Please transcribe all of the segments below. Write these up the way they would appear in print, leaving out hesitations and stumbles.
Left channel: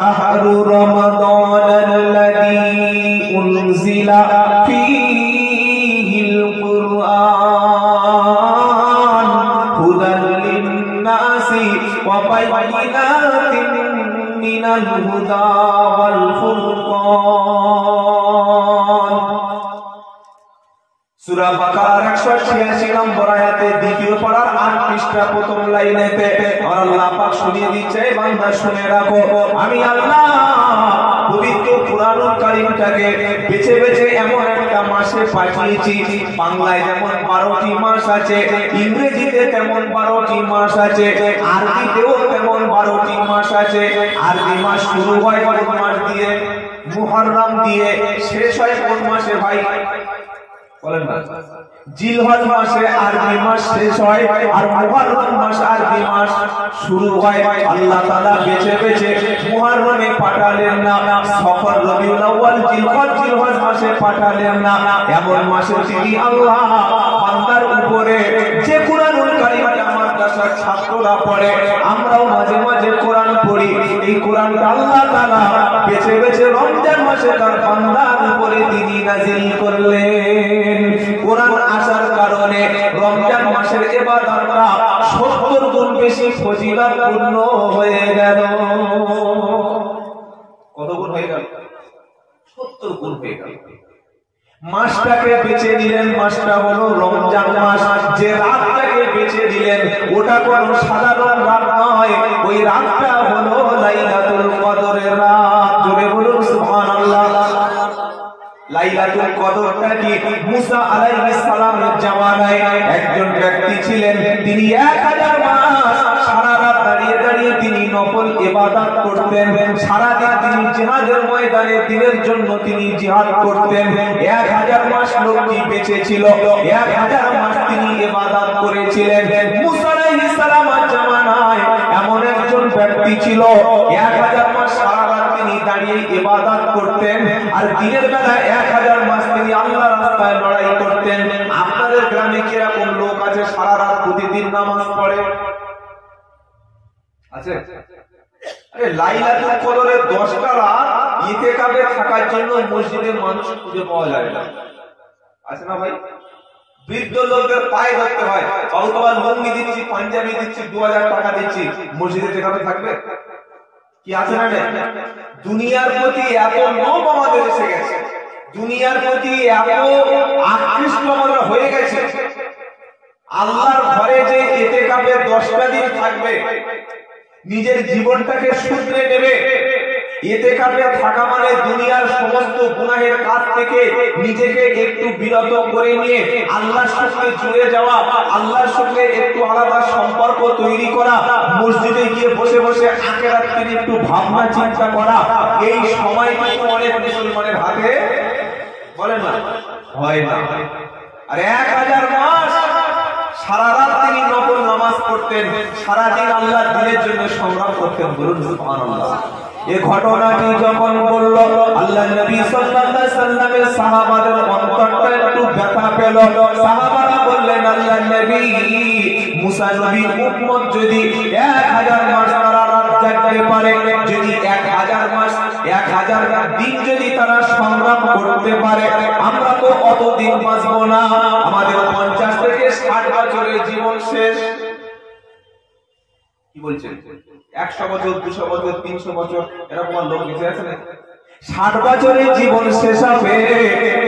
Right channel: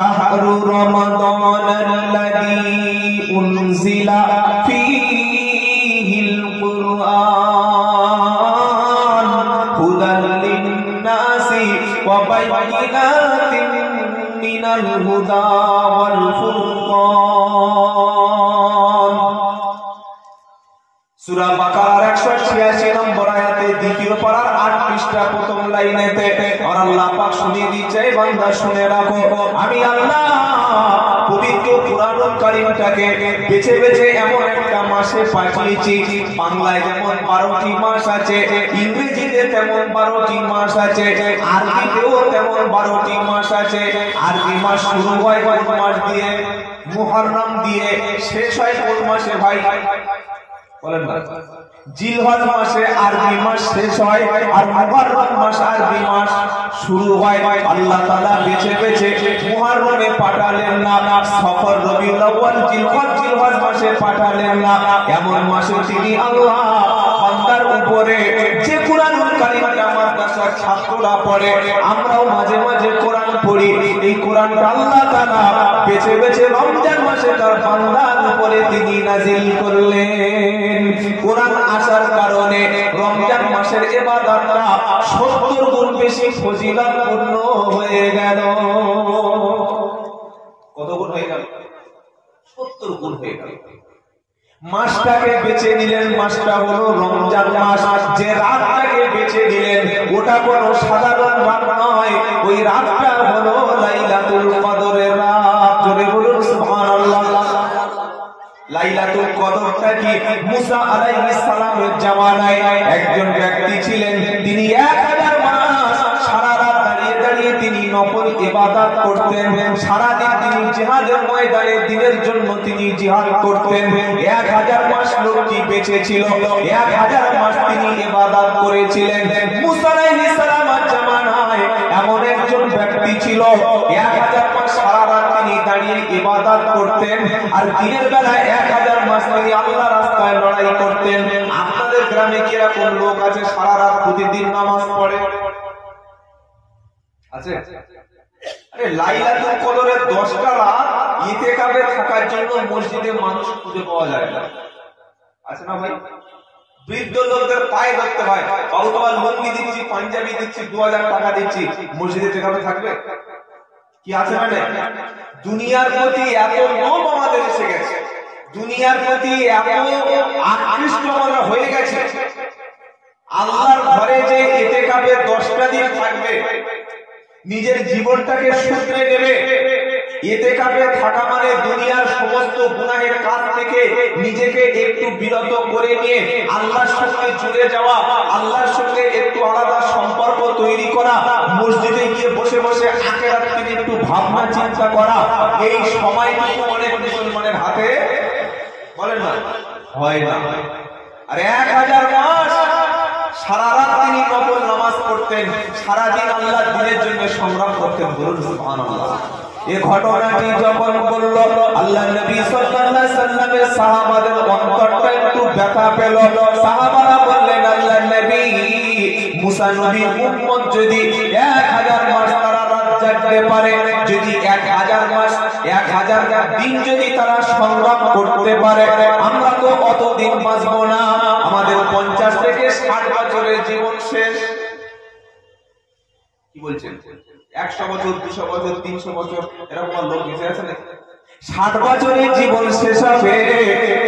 شهر رمضان الذي أنزل فيه القرآن هدى للناس وبينات من الهدى والفرقان সূরা বাকারার 186 নম্বর আয়াতে দ্বিতীয় পারার 8 পৃষ্ঠা প্রথম লাইনেতে আল্লাহ পাক শুনিয়ে দিচ্ছে, বান্দা শুনে রাখো, আমি আল্লাহ পবিত্র কুরআনুল কারীমটাকে বেছে বেছে এমন একটা মাসে পাঠিয়েছি। বাংলায় যেমন 12টি মাস আছে, ইংরেজিতে তেমন 12টি মাস আছে, আরবিতেও তেমন 12টি মাস আছে। আরবি মাস শুরু হয় কোন মাস দিয়ে? মুহররম দিয়ে। শেষ হয় কোন মাসে ভাই? বলেন না। জিলহজ মাসে আরবি মাস শেষ হয়, আর মুহররম মাস আরবি মাস শুরু হয়। আল্লাহ তাআলা বেছে বেছে মুহররমে পাঠালেন না, সফর, রবিউল আউয়াল, জিলহজ মাসে পাঠালেন না। এমন মাসে তিনি আল্লাহ বান্দার উপরে যে কুরআনুল কারীমটা মাদ্রাসার ছাত্ররা পড়ে, আমরাও মাঝে মাঝে কোরআন পড়ি, এই কোরআনটা আল্লাহ তাআলা বেছে বেছে রমজান মাসে তার বান্দার উপরে তিনি নাযিল করলেন। কোরআন আসার কারণে রমজান মাসের ইবাদতটা 70 গুণ বেশি ফজিলতপূর্ণ হয়ে গেল। কত গুণ হয়ে গেল? 70 গুণ হয়ে গেল। মাসটাকে বেছে নিলেন, মাসটা হলো রমজান মাস। যে রাতটাকে বেছে নিলেন ওটা কোনো সাধারণ রাত নয়, ওই রাতটা হলো লাইলাতুল কদরের রাত। জোরে বলুন সুবহানাল্লাহ। লাইলাতুল কদরটা কি? মুসা আলাইহিস সালামের জামানায় একজন ব্যক্তি ছিলেন, তিনি 1000 মাস সারা রাত দাঁড়িয়ে দাঁড়িয়ে তিনি নফল ইবাদত করতেন। সারা দিন তিনি জিহাদের ময়দানে দিনের জন্য তিনি জিহাদ করতেন। 1000 মাস লোকটি বেঁচে ছিল, 1000 মাস তিনি ইবাদত করেছিলেন। মুসা আলাইহিস সালামের জামানায় এমন একজন ব্যক্তি ছিল, 1000 মাস সারা রাত তিনি দাঁড়িয়ে ইবাদত করতেন, আর দিনের বেলায় 1000 মাস তিনি আল্লাহর রাস্তায় লড়াই করতেন। আপনাদের গ্রামে কি এরকম লোক আছে সারা রাত প্রতিদিন নামাজ পড়ে? আছে? আরে লাইলাতুল কদরের 10টা রাত ইতিকাফে থাকার জন্য মসজিদে মানুষ খুঁজে পাওয়া যায় না। আছে না ভাই? বৃদ্ধ লোকদের পায়ে ধরতে হয়, বাবা লুঙ্গি দিচ্ছি, পাঞ্জাবি দিচ্ছি, 2000 টাকা দিচ্ছি, মসজিদে টেকাতে থাকবে? কি আছে না? দুনিয়ার প্রতি এত লোভ আমাদের এসে গেছে, দুনিয়ার প্রতি এত আকৃষ্ট আমরা হয়ে গেছে। আল্লাহর ঘরে যে ইতিকাফে 10টা দিন থাকবে, নিজের জীবনটাকে শুধরে নেবে। ইতিকাফে থাকা মানে দুনিয়ার সমস্ত গুনাহের কাজ থেকে নিজেকে একটু বিরত করে নিয়ে আল্লাহর সঙ্গে জুড়ে যাওয়া, আল্লাহর সঙ্গে একটু আলাদা সম্পর্ক তৈরি করা, মসজিদে গিয়ে বসে বসে আখিরাত নিয়ে একটু ভাবনা চিন্তা করা। এই সময়টুকু অনেক মুসলমানের হাতে বলেন না হয় না। আর 1000 মাস সারা রাত তিনি নফল নামাজ পড়তেন, সারা দিন আল্লাহর দ্বীনের জন্য সংগ্রাম করতেন। বলুন সুবহানাল্লাহ। এই ঘটনাটি যখন বলল, আল্লাহ নবী সাল্লাল্লাহু আলাইহি সাল্লামের সাহাবাদের অন্তরটা একটু ব্যথা পেল। সাহাবারা বললেন, আল্লাহ নবী, মুসা নবীর উম্মত যদি 1000 মাস তারা রাত জাগতে পারে, যদি 1000 মাস 1000 দিন যদি তারা সংগ্রাম করতে পারে, আমরা তো অত দিন বাঁচব না, আমাদের 50 থেকে 60 বছরের জীবন শেষ। কি বলছেন? 100 বছর, 200 বছর, 300 বছর এরকম লোক বেঁচে আছে না? 60 বছরের জীবন শেষ হবে।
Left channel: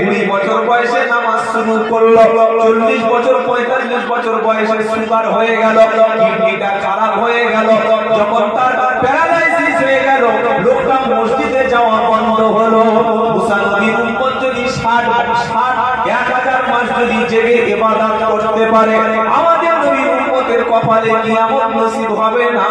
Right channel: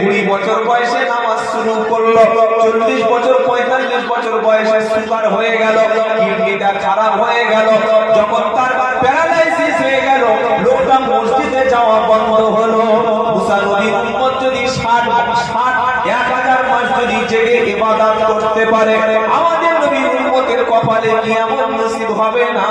20 বছর বয়সে নামাজ শুরু করলো, 40 বছর 45 বছর বয়সে সুগার হয়ে গেল, কিডনিটা খারাপ হয়ে গেল, যখন তার প্যারালাইসিস হয়ে গেল, লোকটা মসজিদে যাওয়া বন্ধ হলো। মুসা নবীর উম্মত যদি 1000 মাস যদি জেগে ইবাদত করতে পারে, আমাদের নবীর উম্মতের কপালে কিয়ামত নসিব হবে না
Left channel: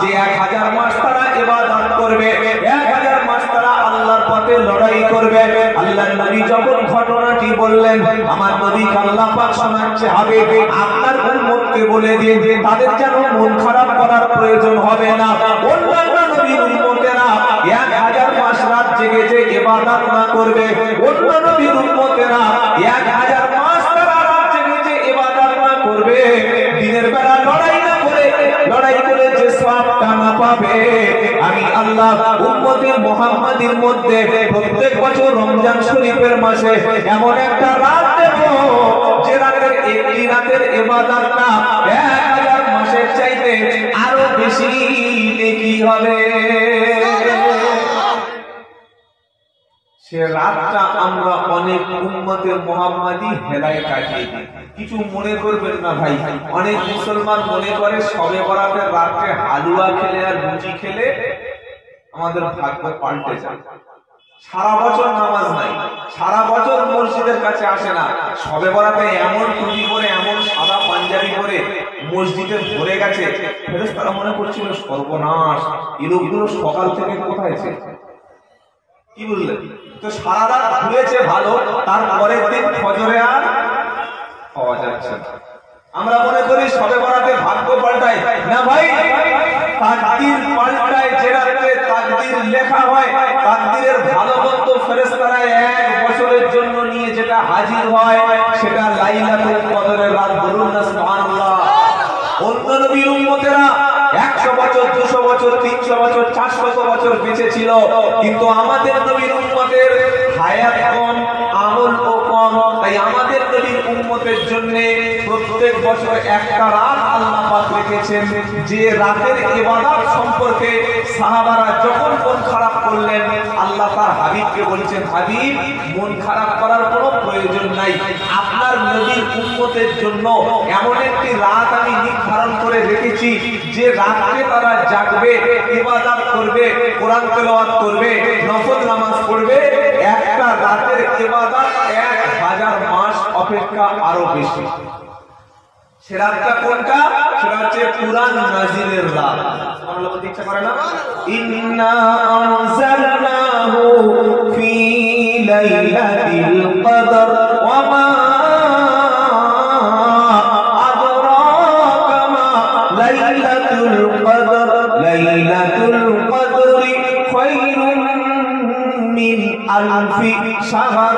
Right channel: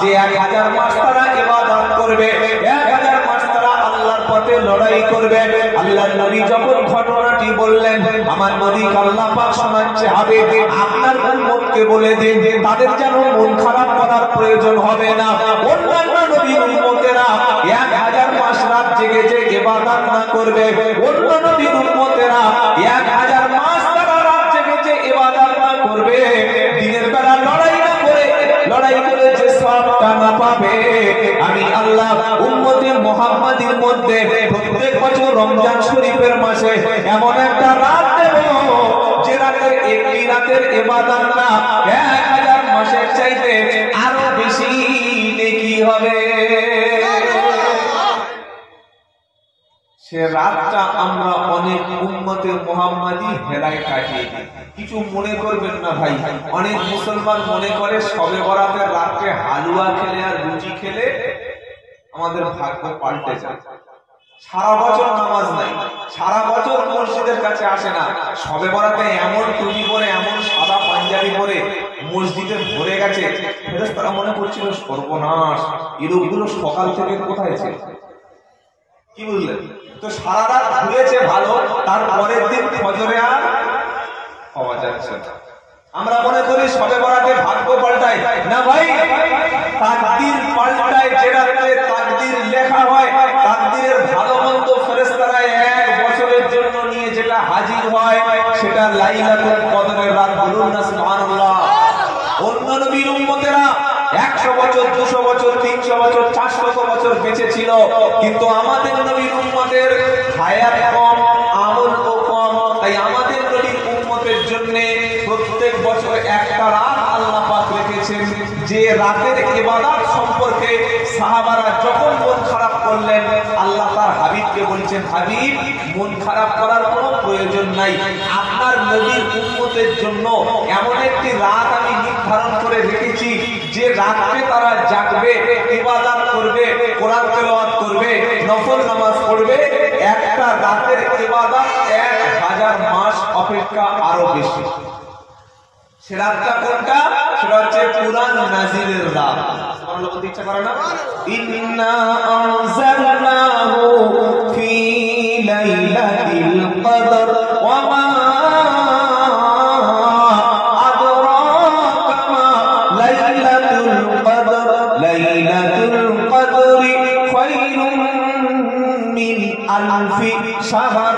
যে 1000 মাস তারা ইবাদত করবে, 1000 মাস তারা আল্লাহর পথে লড়াই করবে। আল্লাহর নবী যখন ঘটনাটি বললেন, আমার নবী আল্লাহ পাক শোনাচ্ছে, হাবিব আপনার উম্মতকে বলে দিন তাদের যেন মন খারাপ করার প্রয়োজন হবে না। অন্যান্য নবীর উম্মতেরা 1000 মাস রাত জেগে যে ইবাদত না করবে, অন্য নবীর উম্মতেরা 1000 মাস তারা রাত জেগে যে ইবাদত না করবে, দিনের বেলা লড়াই করে যে সওয়াবটা না পাবে, আমি আল্লাহ উম্মতে মুহাম্মাদীর মধ্যে প্রত্যেক বছর রমজান শরীফের মাসে এমন একটা রাত দেব যে রাতের এই রাতের ইবাদতটা 1000 মাসের চাইতে আরো বেশি নেকি হবে। সে রাতটা আমরা অনেক উম্মতে মুহাম্মাদী হেলায় কাটিয়ে দিই। কিছু মনে করবেন না ভাই, অনেক মুসলমান মনে করে শবে বরাতের রাতে হালুয়া খেলে আর রুটি খেলে আমাদের ভাগ্য পাল্টে যায়। সারা বছর নামাজ নাই, সারা বছর মসজিদের কাছে আসে না, শবে বরাতে এমন টুপি পরে এমন সাদা পাঞ্জাবি পরে মসজিদে ভরে গেছে, ফেরেশতারা মনে করছিল সর্বনাশ, এই লোকগুলো সকাল থেকে কোথায় ছিল। কি বুঝলেন? তো সারা রাত ঘুরেছে ভালো, তারপরের দিন ফজরে আর পাওয়া যাচ্ছে না। আমরা মনে করি শবে বরাতে ভাগ্য পাল্টায় না ভাই, তাকদীর পাল্টায়। যে রাতে তাকদীর লেখা হয়, তাকদীরের ভালো মন্দ ফেরেশতারা এক বছরের জন্য নিয়ে যেটা হাজির হয় সেটা লাইলাতুল কদরের রাত। বলুন না সুবহানাল্লাহ। অন্য নবীর উম্মতেরা 100 বছর, 200 বছর, 300 বছর, 400 বছর বেঁচে ছিল, কিন্তু আমাদের নবীর উম্মতের হায়াত কম, আমল কম। তাই আমাদের নবীর উম্মতের জন্য প্রত্যেক বছর একটা রাত আল্লাহ পাক রেখেছেন, যে রাতের ইবাদত সম্পর্কে সাহাবারা যখন মন খারাপ করলেন, আল্লাহ তার হাবিবকে বলছেন, হাবিব মন খারাপ করার কোনো প্রয়োজন নাই, আপনার নবীর উম্মতের জন্য এমন একটি রাত আমি নির্ধারণ করে রেখেছি যে রাতে তারা জাগবে, ইবাদত করবে, কোরআন তেলাওয়াত করবে, নফল নামাজ পড়বে। একটা রাতের ইবাদত 1000 মাস অপেক্ষা আরো বেশি। সে রাতটা কোনটা? সেটা হচ্ছে কুরআন নাজিলের রাত। সুবহানাল্লাহ বলতে ইচ্ছা করে না? ইন্না আনজালনাহু ফি লাইলাতিল কদর ওয়া মা আদরাকা মা লাইলাতুল কদর লাইলাতুল কদরি খায়রুম মিন আলফি শাহর।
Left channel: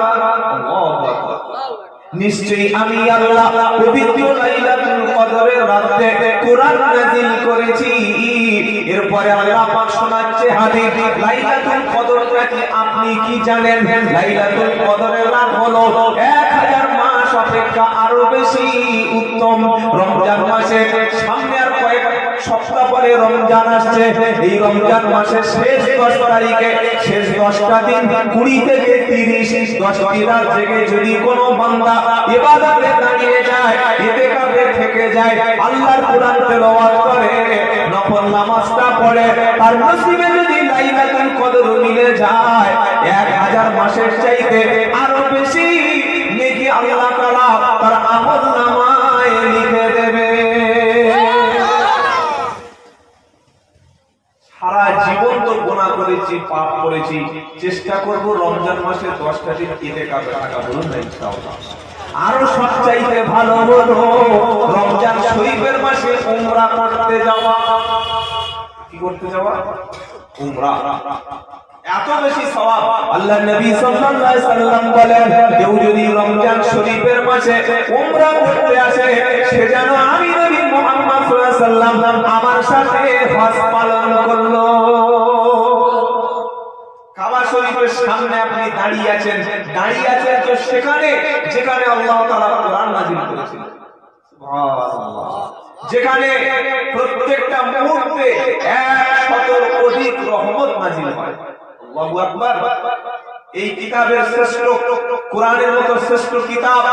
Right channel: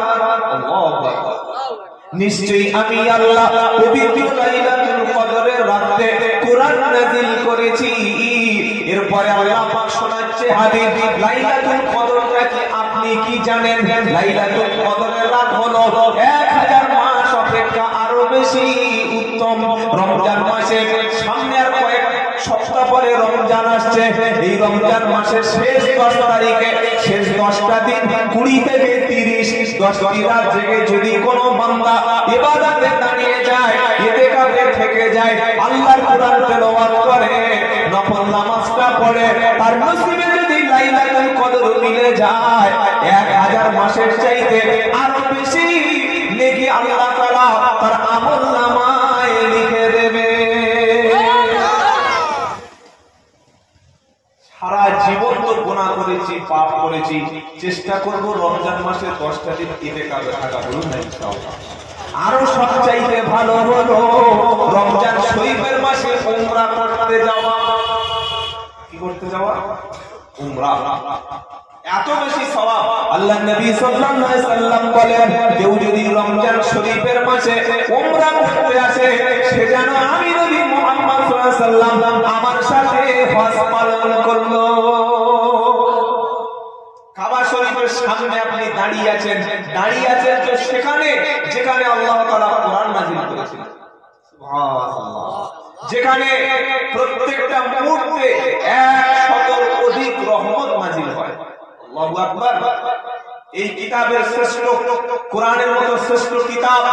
আল্লাহু আকবার। নিশ্চয়ই আমি আল্লাহ পবিত্র লাইলাতুল কদরের রাতে কুরআন নাযিল করেছি। এরপরে আল্লাহ পাক শোনাচ্ছে হাদিস, লাইলাতুল কদরটা কি আপনি কি জানেন? লাইলাতুল কদরের রাত হলো 1000 মাস অপেক্ষা আরো বেশি উত্তম। রমজান মাসে সামনে আর কয়েক সপ্তাহ পরে রমজান আসছে। এই রমজান মাসের শেষ 10 তারিখে, শেষ 10টা দিন 20 থেকে 30 10টি রাত জেগে যদি কোনো বান্দা ইবাদতে দাঁড়িয়ে যায়, ইতিকাফে থেকে যায়, আল্লাহর কোরআন তেলাওয়াত করে, নফল নামাজটা পড়ে, তার নসিবে যদি লাইলাতুল কদর মিলে যায়, 1000 মাসের চাইতে আরো বেশি নেকি আল্লাহ তাআলা তার আমলনামায় লিখে দেবে। সারা জীবন তো গুনাহ করেছি, পাপ করেছি, চেষ্টা করব রমজান মাসে 10টা দিন ইতিকাফে থাকা। বলুন না ইনশাআল্লাহ। আরো সবচাইতে ভালো হলো রমজান শরীফের মাসে উমরা করতে যাওয়া। কি করতে যাওয়া? উমরা। এত বেশি সওয়াব। আল্লাহ নবী সাল্লাল্লাহু আলাইহি সাল্লাম বলেন, কেউ যদি রমজান শরীফের মাসে উমরা করতে আসে, সে যেন আমি নবী মুহাম্মদ সাল্লাল্লাহু আলাইহি সাল্লাম আমার সাথে হজ পালন করলো। কাবা শরীফের সামনে আপনি দাঁড়িয়ে আছেন তো সেখানে যেখানে আল্লাহ তাআলা কোরআন নাযিল করেছিলেন। সুবহানাল্লাহ। যেখানে প্রত্যেকটা মুহূর্তে 100 অধিক রহমত নাযিল হয়। আল্লাহু আকবার। এই কিতাবের শ্রেষ্ঠ, কোরআনের মতো শ্রেষ্ঠ কিতাব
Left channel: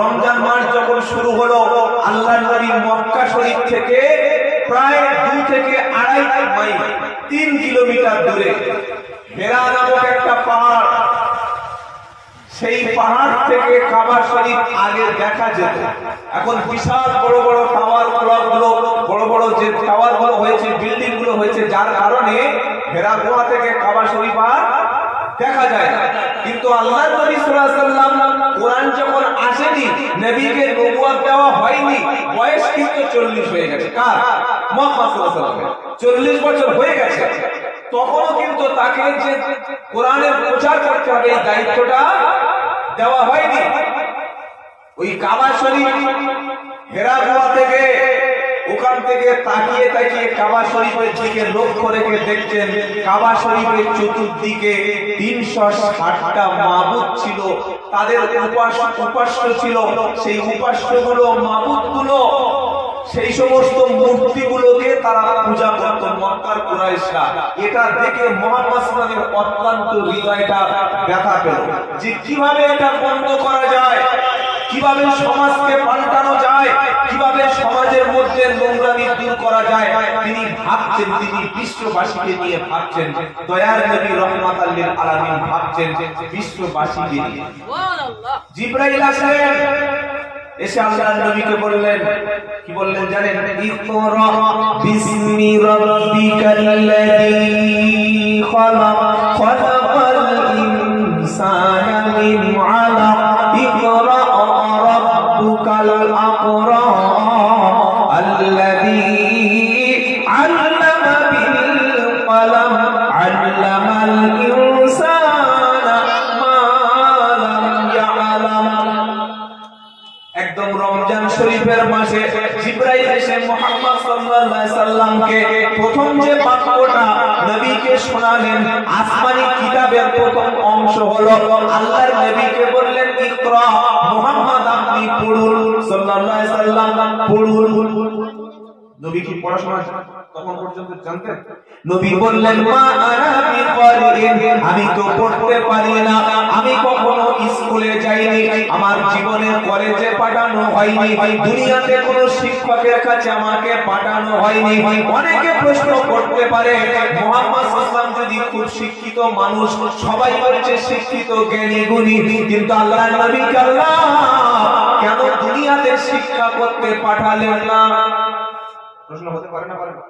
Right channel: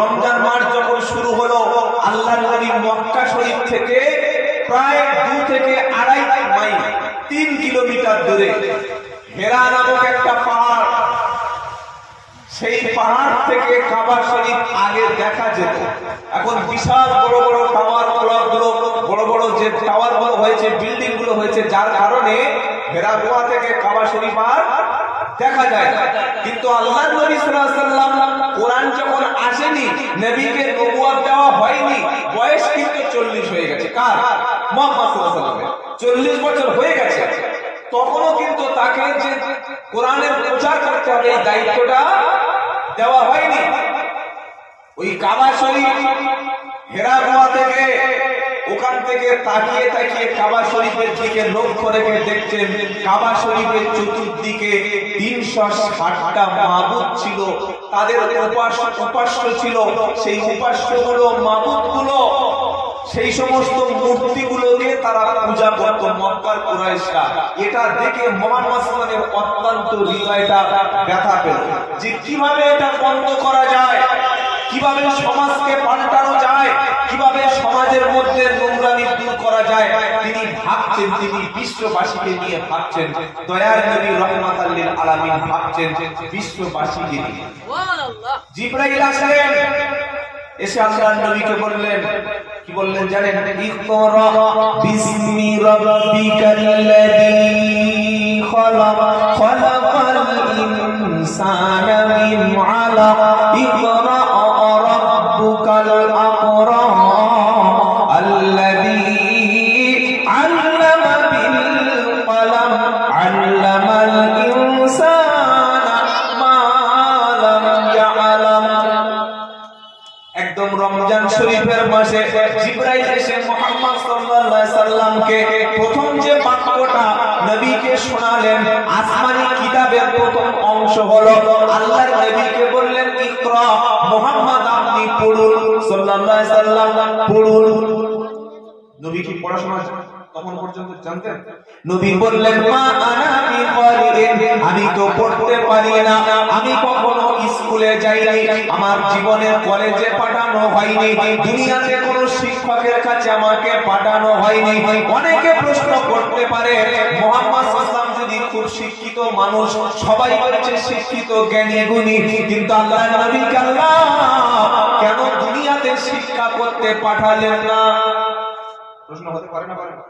রমজান মাস যখন শুরু হলো, আল্লাহর নবী মক্কা শরীফ থেকে প্রায় 2 থেকে 2.5 মাইল 3 কিলোমিটার দূরে হেরা নামক একটা পাহাড়, সেই পাহাড় থেকে কাবা শরীফ আগে দেখা যেত। এখন বিশাল বড় বড় টাওয়ার ক্লকগুলো, বড় বড় যে টাওয়ার গুলো হয়েছে, বিল্ডিং গুলো হয়েছে, যার কারণে হেরা গুহা থেকে কাবা শরীফ আর দেখা যায়। কিন্তু আল্লাহর নবী সাল্লাল্লাহু আলাইহি ওয়াসাল্লাম কোরআন যখন আসেনি, নবীকে নবুয়ত দেওয়া হয়নি, বয়স কিন্তু 40 হয়ে গেছে। কার? মুহাম্মদ সাল্লাল্লাহু আলাইহি ওয়াসাল্লামের 40 বছর হয়ে গেছে। তখনও কিন্তু তাকে যে কোরআনের প্রচার করতে হবে, এই দায়িত্বটা দেওয়া হয়নি। ওই কাবা শরীফ হেরা গুহা থেকে ওখান থেকে তাকিয়ে তাকিয়ে কাবা শরীফের দিকে লক্ষ্য রেখে দেখছেন কাবা শরীফের চতুর্দিকে 360টা মাবুদ ছিল, তাদের উপাস্য ছিল। সেই উপাস্যগুলো মাবুদগুলো সেই সমস্ত মূর্তিগুলোকে তারা পূজা করত মক্কার কুরাইশরা। এটা দেখে মুহাম্মদ সাল্লাল্লাহু আলাইহি ওয়াসাল্লামের অত্যন্ত হৃদয়টা ব্যথা পেল যে কিভাবে এটা বন্ধ করা যায়, কিভাবে সমাজকে পাল্টানো যায়, কিভাবে সমাজের মধ্যে নোংরামি দূর করা যায়। তিনি ভাবছেন, তিনি বিশ্ববাসীকে নিয়ে ভাবছেন, দয়ার নবী রহমাতাল লিল আলামিন ভাবছেন বিশ্ববাসীকে নিয়ে। সুবহানাল্লাহ। জিবরাইল আসলেন, এসে আল্লাহর নবীকে বললেন, কি বললেন জানেন? ইকরা বিসমি রাব্বিকাল্লাযী খালাক খালাকাল ইনসানা মিন আলাক ইকরা রাব্বুকাল আকরাম আল্লাযী আল্লামা বিল কলম আল্লামাল ইনসানা মা লাম ইয়ালাম। একদম রমজান শরীফের মাসে জিবরাইল এসে মুহাম্মদ সাল্লাল্লাহু আলাইহি সাল্লামকে প্রথম যে বাক্যটা নবীকে শোনালেন, আসমানি কিতাবের প্রথম অংশ হলো আল্লাহর নবীকে বললেন ইকরা, মুহাম্মদ আপনি পড়ুন, সাল্লাল্লাহু আলাইহি সাল্লাম পড়ুন। নবী কি পড়াশোনা তখন পর্যন্ত জানতেন? নবী বললেন মা আনা বিকারিন, আমি তো পড়তে পারি না, আমি কখনো স্কুলে যাইনি, আমার জীবনে কলেজে পাঠানো হয়নি, দুনিয়াতে কোনো শিক্ষকের কাছে আমাকে পাঠানো হয়নি। অনেকে প্রশ্ন করতে পারে মুহাম্মদ সাল্লাল্লাহু যদি খুব শিক্ষিত মানুষ, সবাই বলছে শিক্ষিত জ্ঞানী গুণী, কিন্তু আল্লাহর নবীকে আল্লাহ কেন দুনিয়াতে শিক্ষা করতে পাঠালেন না? প্রশ্ন হতে পারে না? পারে না।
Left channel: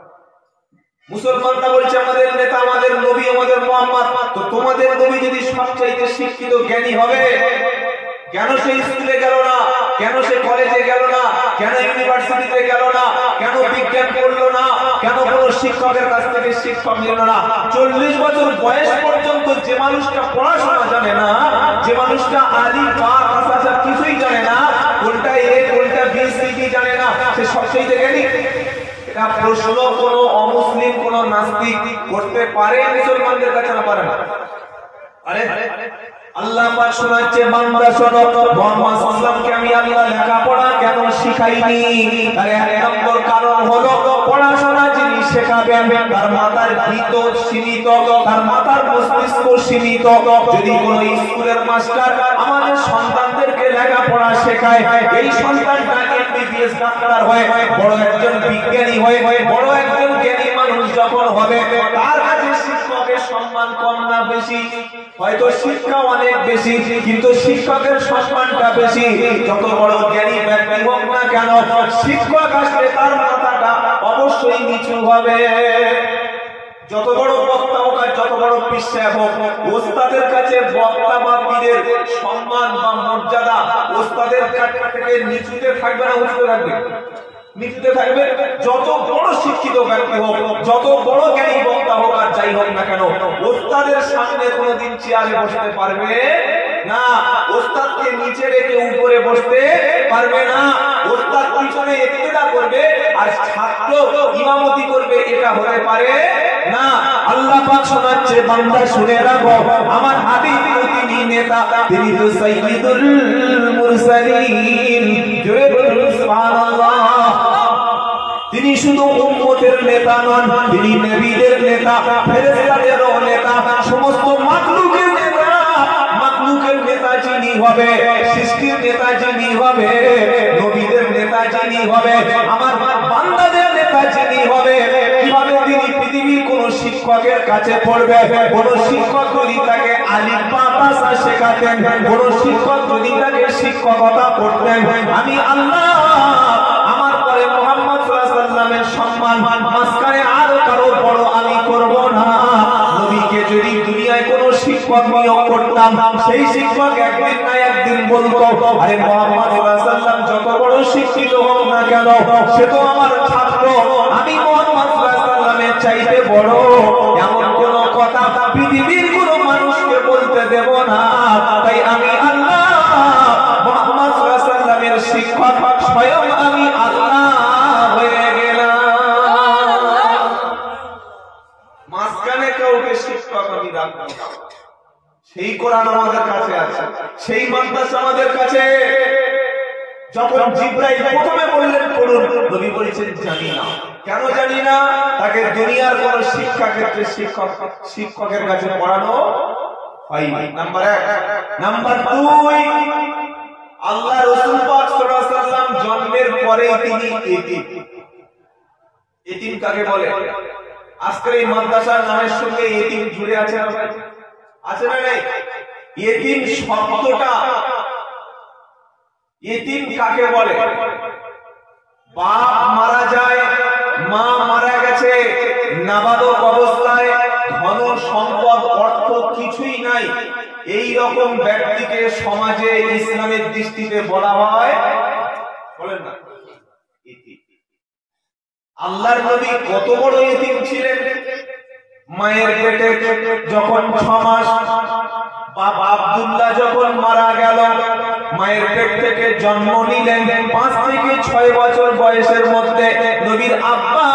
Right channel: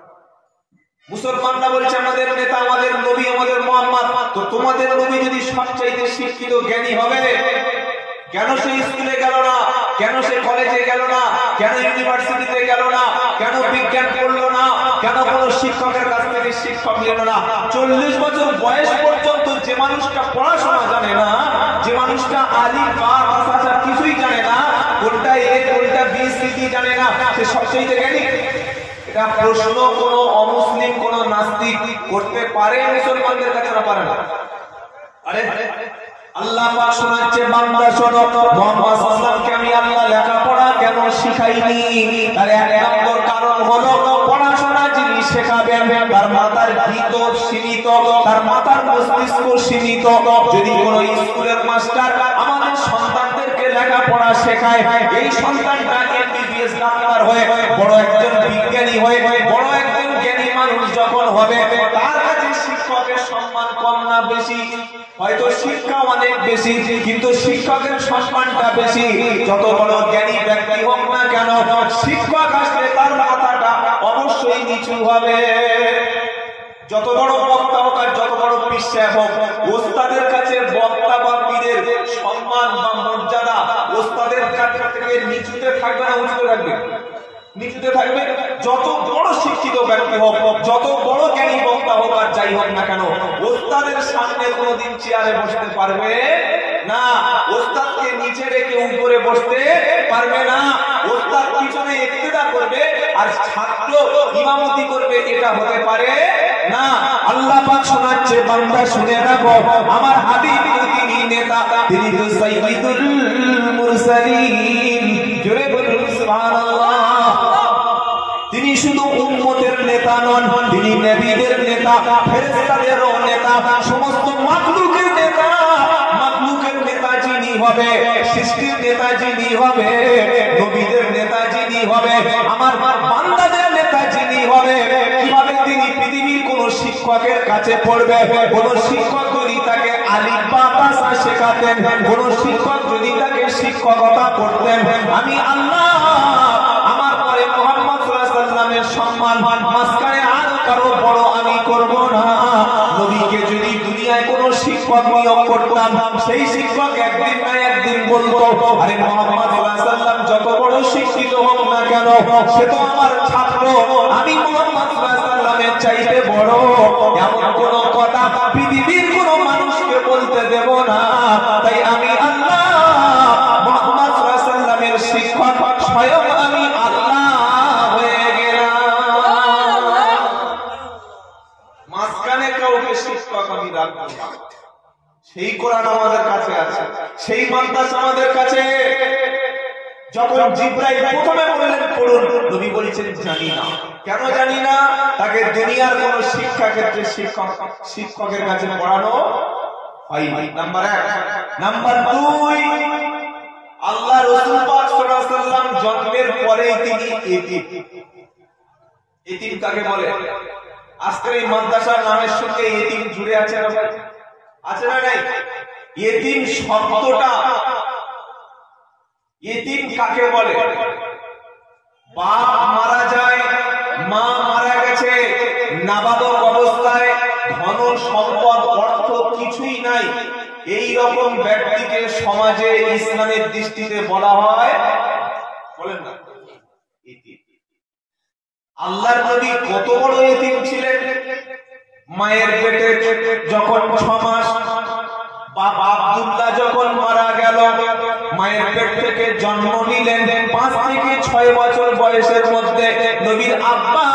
মুসলমানরা বলছে আমাদের নেতা, আমাদের নবী, আমাদের মুহাম্মদ, তো তোমাদের নবী যদি সবচাইতে শিক্ষিত জ্ঞানী হবে, কেন সে স্কুলে গেল না, কেন সে কলেজে গেল না, কেন ইউনিভার্সিটিতে গেল না, কেন বিজ্ঞান পড়লো না, কেন কোন শিক্ষকের কাছ থেকে শিক্ষা নিল না? 40 বছর বয়স পর্যন্ত যে মানুষটা পড়াশোনা জানে না, যে মানুষটা আলিফ বা তা কিছুই জানে না, কোনটা এ কোনটা বি সি ডি জানে না, সে সবচাইতে জ্ঞানী? এটা প্রশ্ন কোন অমুসলিম কোন নাস্তিক করতে পারে মুসলমানদের কাছে? না পারে না। আরে আল্লাহ পাক শোনাচ্ছে, বান্দা শোনো, মুহাম্মদ সাল্লাল্লাহু আলাইহি ওয়াসাল্লামকে আমি আল্লাহ লেখাপড়া কেন শিখাইনি? তার এক নম্বর কারণ হলো পড়াশোনা যিনি শেখাবেন তার মাথার ভিতর সীমিত, তার মাথার মস্তিষ্ক সীমিত। যদি কোন স্কুলের মাস্টার আমাদের সন্তানদেরকে লেখাপড়া শেখায়, এই সন্তানটা এমবিবিএস ডাক্তার হয়ে বড় একজন বিজ্ঞানী হয়ে বড় একজন জ্ঞানী মানুষ যখন হবে, তার কাছে শিক্ষকের সম্মান কম না বেশি? হয়তো শিক্ষা অনেক বেশি, কিন্তু শিক্ষকের সম্মানটা বেশি। যত বড় জ্ঞানী ব্যক্তি হোক না কেন, শিক্ষক আসলে তার মাথাটা অবশ্যই নিচু হবে। যত বড় বক্তা হোক আর যত বড় পীর হোক, ওস্তাদের কাছে বক্তা বা পীরের সম্মান বা মর্যাদা ওস্তাদের কাছে থেকে নিচুতে থাকবে না উঁচুতে থাকবে? নিচুতে থাকবে। যত বড় শিক্ষিত ব্যক্তি হোক, যত বড় জ্ঞানী বক্তা হোক আর যাই হোক না কেন, ওস্তাদের সামনে কোনোদিন চেয়ারে বসতে পারবে না, ওস্তাদকে নিচে রেখে উপরে বসতে পারবে না। ওস্তাদ পিছনে ইক্তেদা করবে আর ছাত্র ইমামতি করবে, এটা হতে পারে না। আল্লাহ পাক শোনাচ্ছে, বান্দা শুনে রাখো, আমার হাবিব তিনি নেতা, তিনি তো সাইয়্যিদুল মুরসালিন। জোরে বলুন সুবহানাল্লাহ। তিনি শুধু উম্মতের নেতা নন, তিনি নবীদের নেতা, ফেরেশতাদেরও নেতা, সমস্ত মাখলুকের নেতা। মাখলুকের নেতা যিনি হবে, সৃষ্টির নেতা যিনি হবে, নবীদের নেতা যিনি হবে, আমার বান্দাদের নেতা যিনি হবে, কিভাবে তিনি পৃথিবীর কোন শিক্ষকের কাছে পড়বে? কোন শিক্ষক যদি তাকে আলিফ বা তা শেখাতেন, কোন শিক্ষক যদি তাকে শিক্ষকতা করতেন, আমি আল্লাহ আমার পরে মুহাম্মদ সাল্লাল্লাহু আলাইহি ওয়াসাল্লামের সম্মান মাঝখানে আর কারো বড় আমি করব না। নবীকে যদি দুনিয়ায় কোন শিক্ষক নিয়োগ করতাম, সেই শিক্ষক একদিন না একদিন বলতো, আরে মুহাম্মদ সাল্লাল্লাহু আলাইহি ওয়াসাল্লাম যত বড় শিক্ষিত হোক না কেন, সে তো আমার ছাত্র, আমি মুহাম্মদ সাল্লাল্লাহু আলাইহি ওয়াসাল্লামের চাইতে বড়। এমন কোন কথা পৃথিবীর কোন মানুষকে বলতে দেব না। তাই আমি আল্লাহ মুহাম্মদ সাল্লাল্লাহু আলাইহি ওয়াসাল্লামের শিক্ষক, স্বয়ং আমি আল্লাহ হয়ে গেলাম। কোরআন আমি রাখবো না। সেই কোরআন আমাদের কাছে আছে, সেই মাদ্রাসা আমাদের কাছে। যখন জিবরাইল প্রথমে বললেন পড়ুন, নবী বলেছেন জানি না। কেন জানি না? তাকে দুনিয়ার কোন শিক্ষা ক্ষেত্রে শিক্ষকের কাছে পড়ানো হয়নি, নাম্বার 1। নাম্বার 2, আল্লাহ রাসূল পাক সাল্লাল্লাহু আলাইহি ওয়াসাল্লাম জন্মের পরেই তিনি এতিম। এতিম কাকে বলে? আজকের এই মাদ্রাসার নামের সঙ্গে এতিম জুড়ে আছে না ভাই? আছে না নেই? এতিম শব্দটা, এতিম কাকে বলে? বাপ মারা যায়, মা মারা গেছে, নাবালক অবস্থায়, ধন সম্পদ অর্থ কিছুই নাই, এই রকম ব্যক্তিকে সমাজে ইসলামের দৃষ্টিতে বলা হয়, বলেন না, এতিম। আল্লাহর নবী কত বড় এতিম ছিলেন। মায়ের পেটে যখন 6 মাস, বাবা আব্দুল্লাহ যখন মারা গেল, মায়ের পেট থেকে জন্ম নিলেন। 5 থেকে 6 বছর বয়সের মধ্যে নবীর আব্বা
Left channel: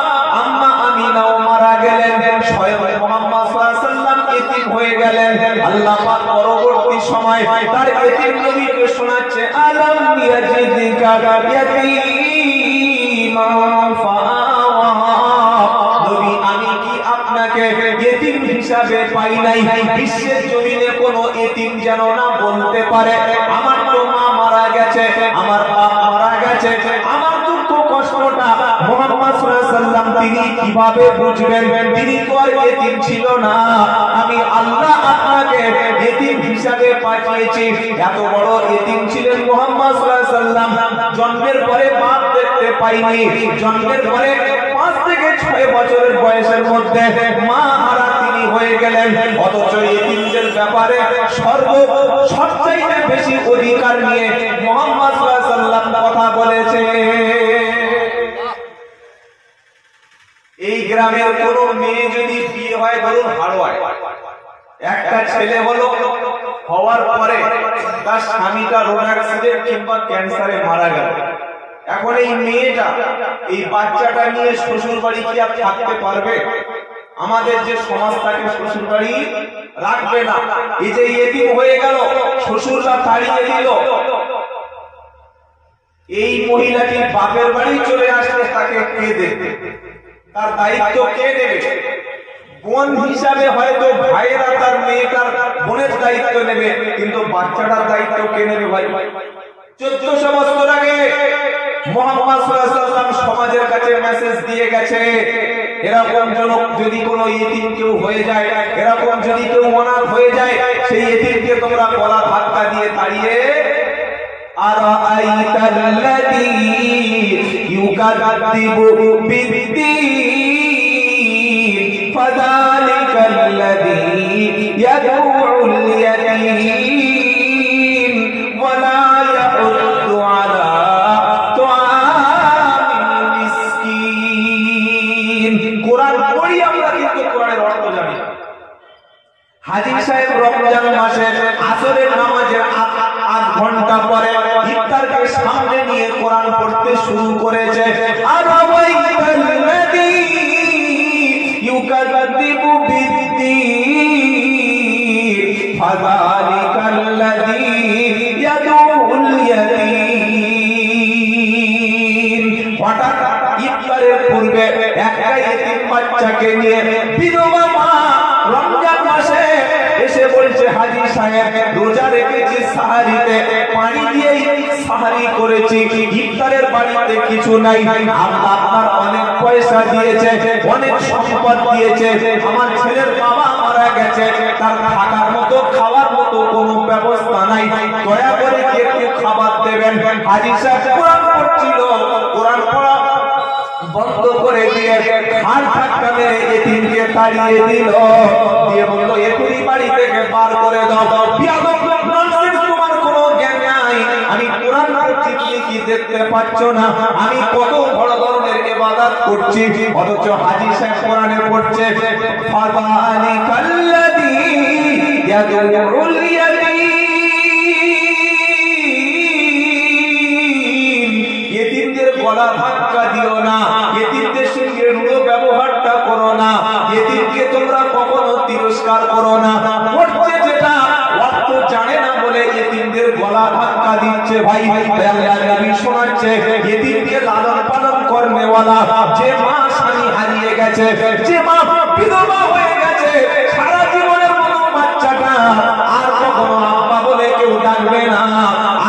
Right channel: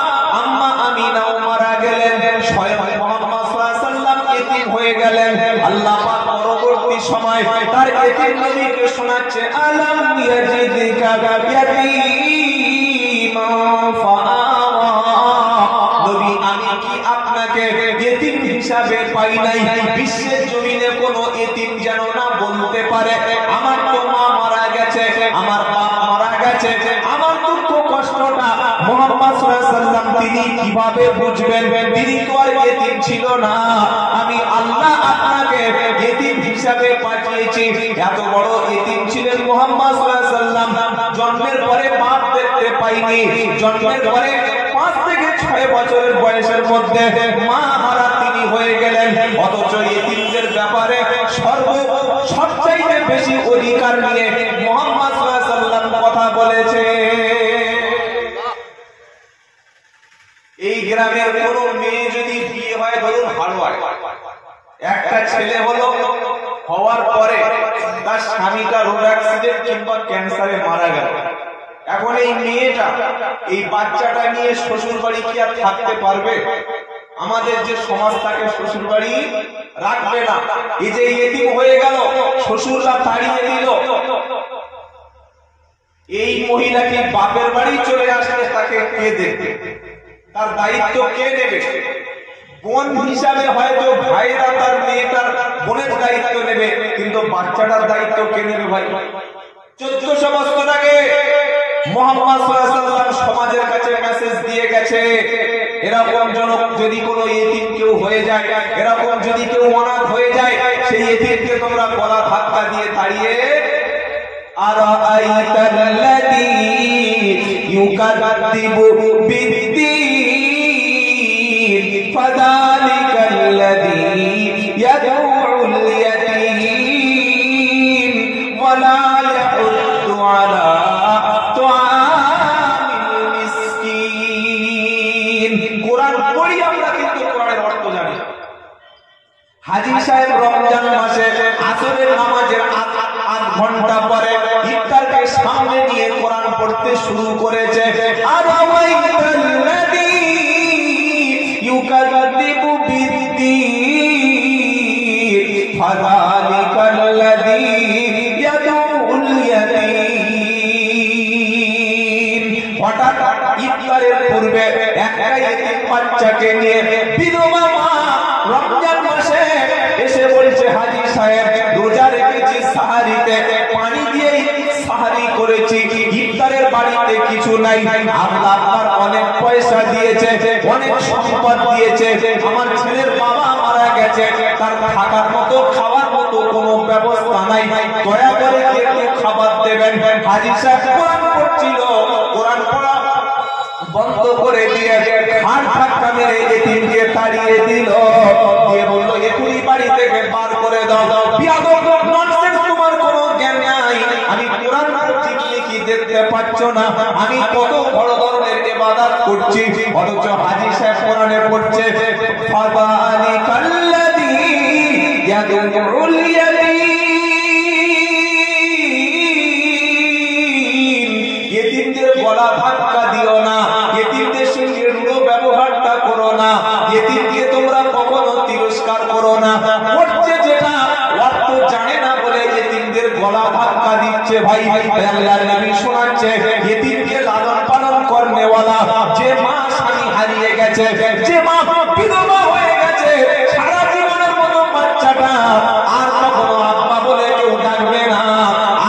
আম্মা আমিনাও মারা গেলেন। স্বয়ং মুহাম্মদ সাল্লাল্লাহু আলাইহি ওয়াসাল্লাম এতিম হয়ে গেলেন। আল্লাহ পাক পরবর্তী সময় তার এতিম নবীকে শোনাচ্ছে, আলাম ইয়াজিদকা ইয়াতীমান ফাআওয়া। নবী আমি কি আপনাকে এতিম হিসাবে পাই নাই? বিশ্বের জমিনে কোন এতিম যেন না বলতে পারে আমার তো মা মারা গেছে, আমার বাপ মারা গেছে, আমার দুঃখ কষ্টটা মুহাম্মদ সাল্লাল্লাহু আলাইহি ওয়াসাল্লাম তিনি কিভাবে বুঝবেন? তিনি তো আর এতিম ছিল না। আমি আল্লাহ আপনাকে এতিম হিসাবে পাঠিয়েছি। এত বড় এতিম ছিলেন মুহাম্মদ সাল্লাল্লাহু আলাইহি ওয়াসাল্লাম। জন্মের পরে বাপ দেখতে পাইনি, জন্মের পরে 5 থেকে 6 বছরের বয়সের মধ্যে মা মারা তিনি হয়ে গেলেন। অথচ এতিমদের ব্যাপারে সবচাইতে বেশি অধিকার নিয়ে মুহাম্মদ সাল্লাল্লাহু আলাইহি ওয়াসাল্লাম কথা বলেছে। এই গ্রামের কোন মেয়ে যদি বিয়ে হয়, ধরুন হাড়োয়ায়, একটা ছেলে হলো, হওয়ার পরে তার স্বামীটা রোগ অ্যাক্সিডেন্ট কিংবা ক্যান্সারে মারা গেল। এখন এই মেয়েটা, এই বাচ্চাটা নিয়ে শ্বশুর বাড়ি কি আর থাকতে পারবে? আমাদের যে সমাজ তাকে শ্বশুর বাড়ি রাখবে না। এই যে এতিম হয়ে গেল, শ্বশুররা তাড়িয়ে দিল, এই মহিলাটি বাপের বাড়ি চলে আসলে তাকে কে দেখবে? তার দায়িত্ব কে নেবে? বোন হিসাবে হয়তো ভাইয়েরা তার মেয়েটার বোনের দায়িত্ব নেবে, কিন্তু বাচ্চাটার দায়িত্ব কে নেবে ভাই? 1400 বছর আগে মুহাম্মদ সাল্লাল্লাহু আলাইহি ওয়াসাল্লাম সমাজের কাছে মেসেজ দিয়ে গেছে, এরকম যদি কোনো এতিম কেউ হয়ে যায়, এরকম যদি কেউ অনাথ হয়ে যায়, সেই এতিমকে তোমরা গলা ধাক্কা দিয়ে তাড়িয়ে, আরাআইতাল্লাযী ইউকাযযিবু বিদ্দীন ফাযালিকাল্লাযী ইয়াদউল ইয়াতীম ওয়া লা ইয়াহুদ্দু আলা তুআমিল মিসকিন। কোরআন পড়ি আমরা, কিন্তু কোরআনের অর্থ জানি না। হাজী সাহেব রমজান মাসে আসরের নামাজের 8 ঘন্টা পরে ইফতারকে সামনে নিয়ে কোরআন পড়তে শুরু করেছে। আরাআইতাল্লাযী ইউকাযযিবু বিদ্দীন ফাযালিকাল্লাযী ইয়াদউল ইয়াতীম। হঠাৎ ইফতারের পূর্বে একটা এতিম বাচ্চাকে নিয়ে বিধবা মা রমজান মাসে এসে বলছে, হাজী সাহেব রোজা রেখেছি, সাহারিতে পানি দিয়ে সাহারি করেছি, ইফতারের বাড়িতে কিছু নাই, আল্লাহ আপনার অনেক পয়সা দিয়েছে, অনেক সম্পদ দিয়েছে, আমার ছেলের বাবা মারা গেছে, তার থাকার মতো খাওয়ার মতো কোনো ব্যবস্থা নাই, দয়া করে একটু খাবার দেবেন। হাজী সাহেব কোরআন পড়ছিল, কোরআন পড়া বন্ধ করে দিয়ে হাড় ধাক্কা মেরে এতিমকে তাড়িয়ে দিল, দিয়ে বলল এখনই বাড়ি থেকে বার করে দাও। বিয়াদব ননসেন্স, তোমার কোনো জ্ঞান নাই, আমি কোরআন পড়ছি তুমি কি দেখতে পাচ্ছ না? আমি কত বড় ধরনের ইবাদত করছি, অথচ হাজী সাহেব কোরআনে পড়ছে ফাযালিকাল্লাযী ইয়াদউল ইয়াতীম। এতিমদের গলা ধাক্কা দিও না, এতিমদের সঙ্গে রূঢ় ব্যবহারটা করো না, এতিমকে তোমরা কখনো তিরস্কার করো না, করছে যেটা অর্থ জানে না বলে এতিমদের গলা ধাক্কা দিচ্ছে। ভাই আল্লাহর নবী শোনাচ্ছে, এতিমকে লালন পালন করনেওয়ালা, যে মা স্বামী হারিয়ে গেছে, যে মা বিধবা হয়ে গেছে, সারা জীবনের মতো বাচ্চাটা আর কখনো আব্বা বলে কেউ ডাকবে না,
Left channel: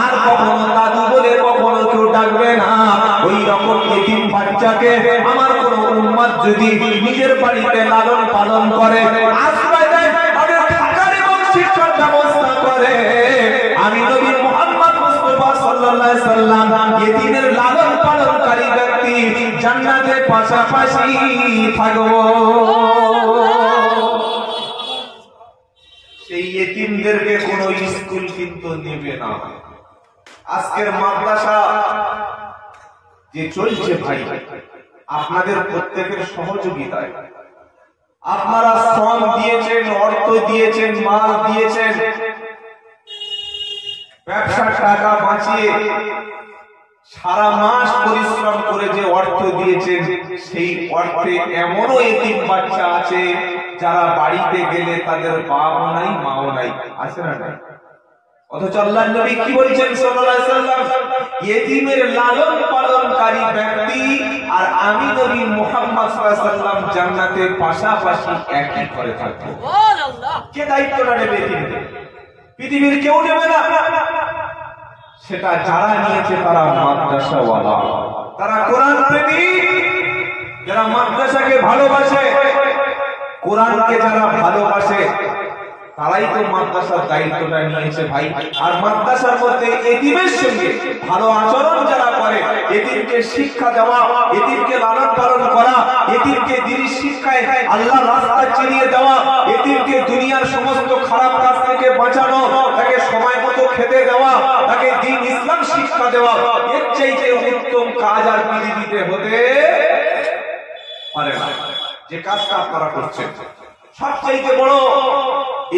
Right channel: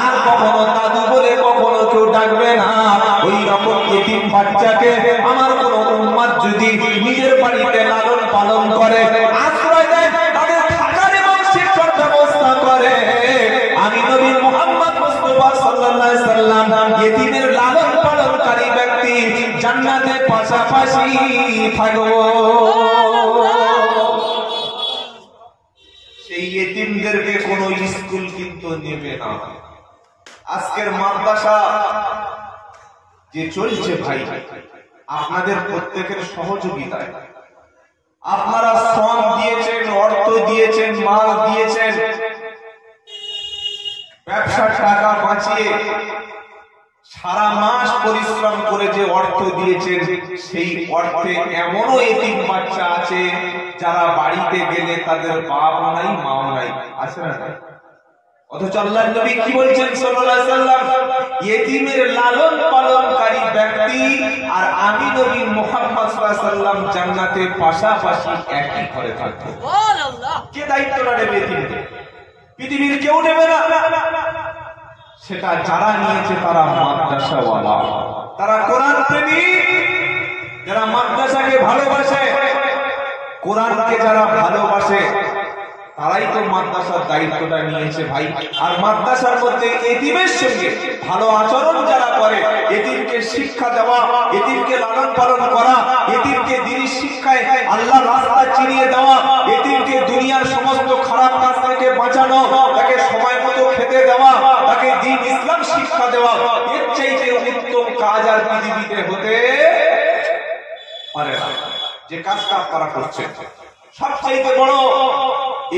আর কখনো দাদু বলে কখনো কেউ ডাকবে না। ওই রকম এতিম বাচ্চাকে আমার কোন উম্মত যদি নিজের বাড়িতে লালন পালন করে, আশ্রয় দেয়, তাদের থাকার এবং শিক্ষার ব্যবস্থা করে, আমি নবী মুহাম্মদ মুস্তাফা সাল্লাল্লাহু আলাইহি সাল্লাম এতিমের লালন পালনকারী ব্যক্তি জান্নাতের পাশাপাশি থাকবো। সেই এতিমদেরকে কোনো স্কুল কিন্তু নেবে না। আজকের মাদ্রাসা যে চলছে ভাই, আপনাদের প্রত্যেকের সহযোগিতায়, আপনারা শ্রম দিয়েছেন, অর্থ দিয়েছেন, মাল দিয়েছেন, ব্যবসার টাকা বাঁচিয়ে সারা মাস পরিশ্রম করে যে অর্থ দিয়েছেন, সেই অর্থে এমনও এতিম বাচ্চা আছে যারা বাড়িতে গেলে তাদের বাপ নাই, মাও নাই, আছে না? অথচ আল্লাহর নবী কি বলছেন সাল্লাল্লাহু আলাইহি সাল্লাম, এতিমের লালন পালনকারী ব্যক্তি আর আমি নবী মুহাম্মদ সাল্লাল্লাহু আলাইহি সাল্লাম জান্নাতের পাশাপাশি একই ঘরে থাকবে। সুবহানাল্লাহ! কে দায়িত্বটা নেবে এতিমদের? পৃথিবীর কেউ নেবে না। সেটা যারা নিয়েছে তারা মাদ্রাসাওয়ালা, তারা কোরআন প্রেমিক, যারা মাদ্রাসাকে ভালোবাসে, কোরআনকে যারা ভালোবাসে, তারাই তো মাদ্রাসার দায়িত্বটা নিয়েছে ভাই। আর মাদ্রাসার মধ্যে এতিমের সঙ্গে ভালো আচরণ যারা করে, এতিমকে শিক্ষা দেওয়া, এতিমকে লালন পালন করা, এতিমকে দ্বীনের শিক্ষায় আল্লাহর রাস্তা চিনিয়ে দেওয়া, এতিমকে দুনিয়ার সমস্ত খারাপ কাজ থেকে বাঁচানো, তাকে সময় মতো খেতে দেওয়া, তাকে দ্বীন ইসলাম শিক্ষা দেওয়া, এর চাইতে উত্তম কাজ আর পৃথিবীতে হতে পারে না। যে কাজটা আপনারা করছেন সবচাইতে বড়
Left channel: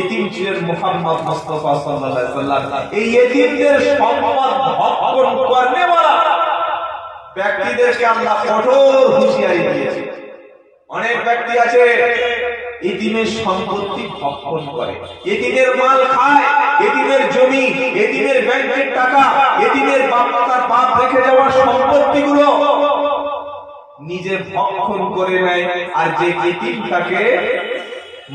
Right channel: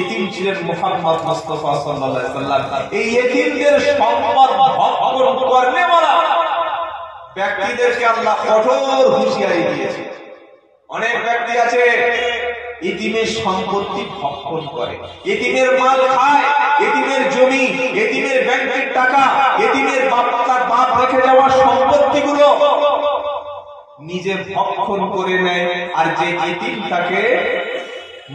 এতিম ছিলেন মুহাম্মদ মুস্তাফা সাল্লাল্লাহু আলাইহি সাল্লাম। এই এতিমদের সম্পদ ভক্ষণ করনেওয়ালা ব্যক্তিদেরকে আল্লাহ কঠোর হুঁশিয়ারি দিয়েছে। অনেক ব্যক্তি আছে এতিমের সম্পত্তি ভক্ষণ করে, এতিমের মাল খায়, এতিমের জমি, এতিমের ব্যাংকের টাকা, এতিমের বাপ রেখে যাওয়া সম্পত্তিগুলো নিজে ভক্ষণ করে নেয়। আর যে এতিম তাকে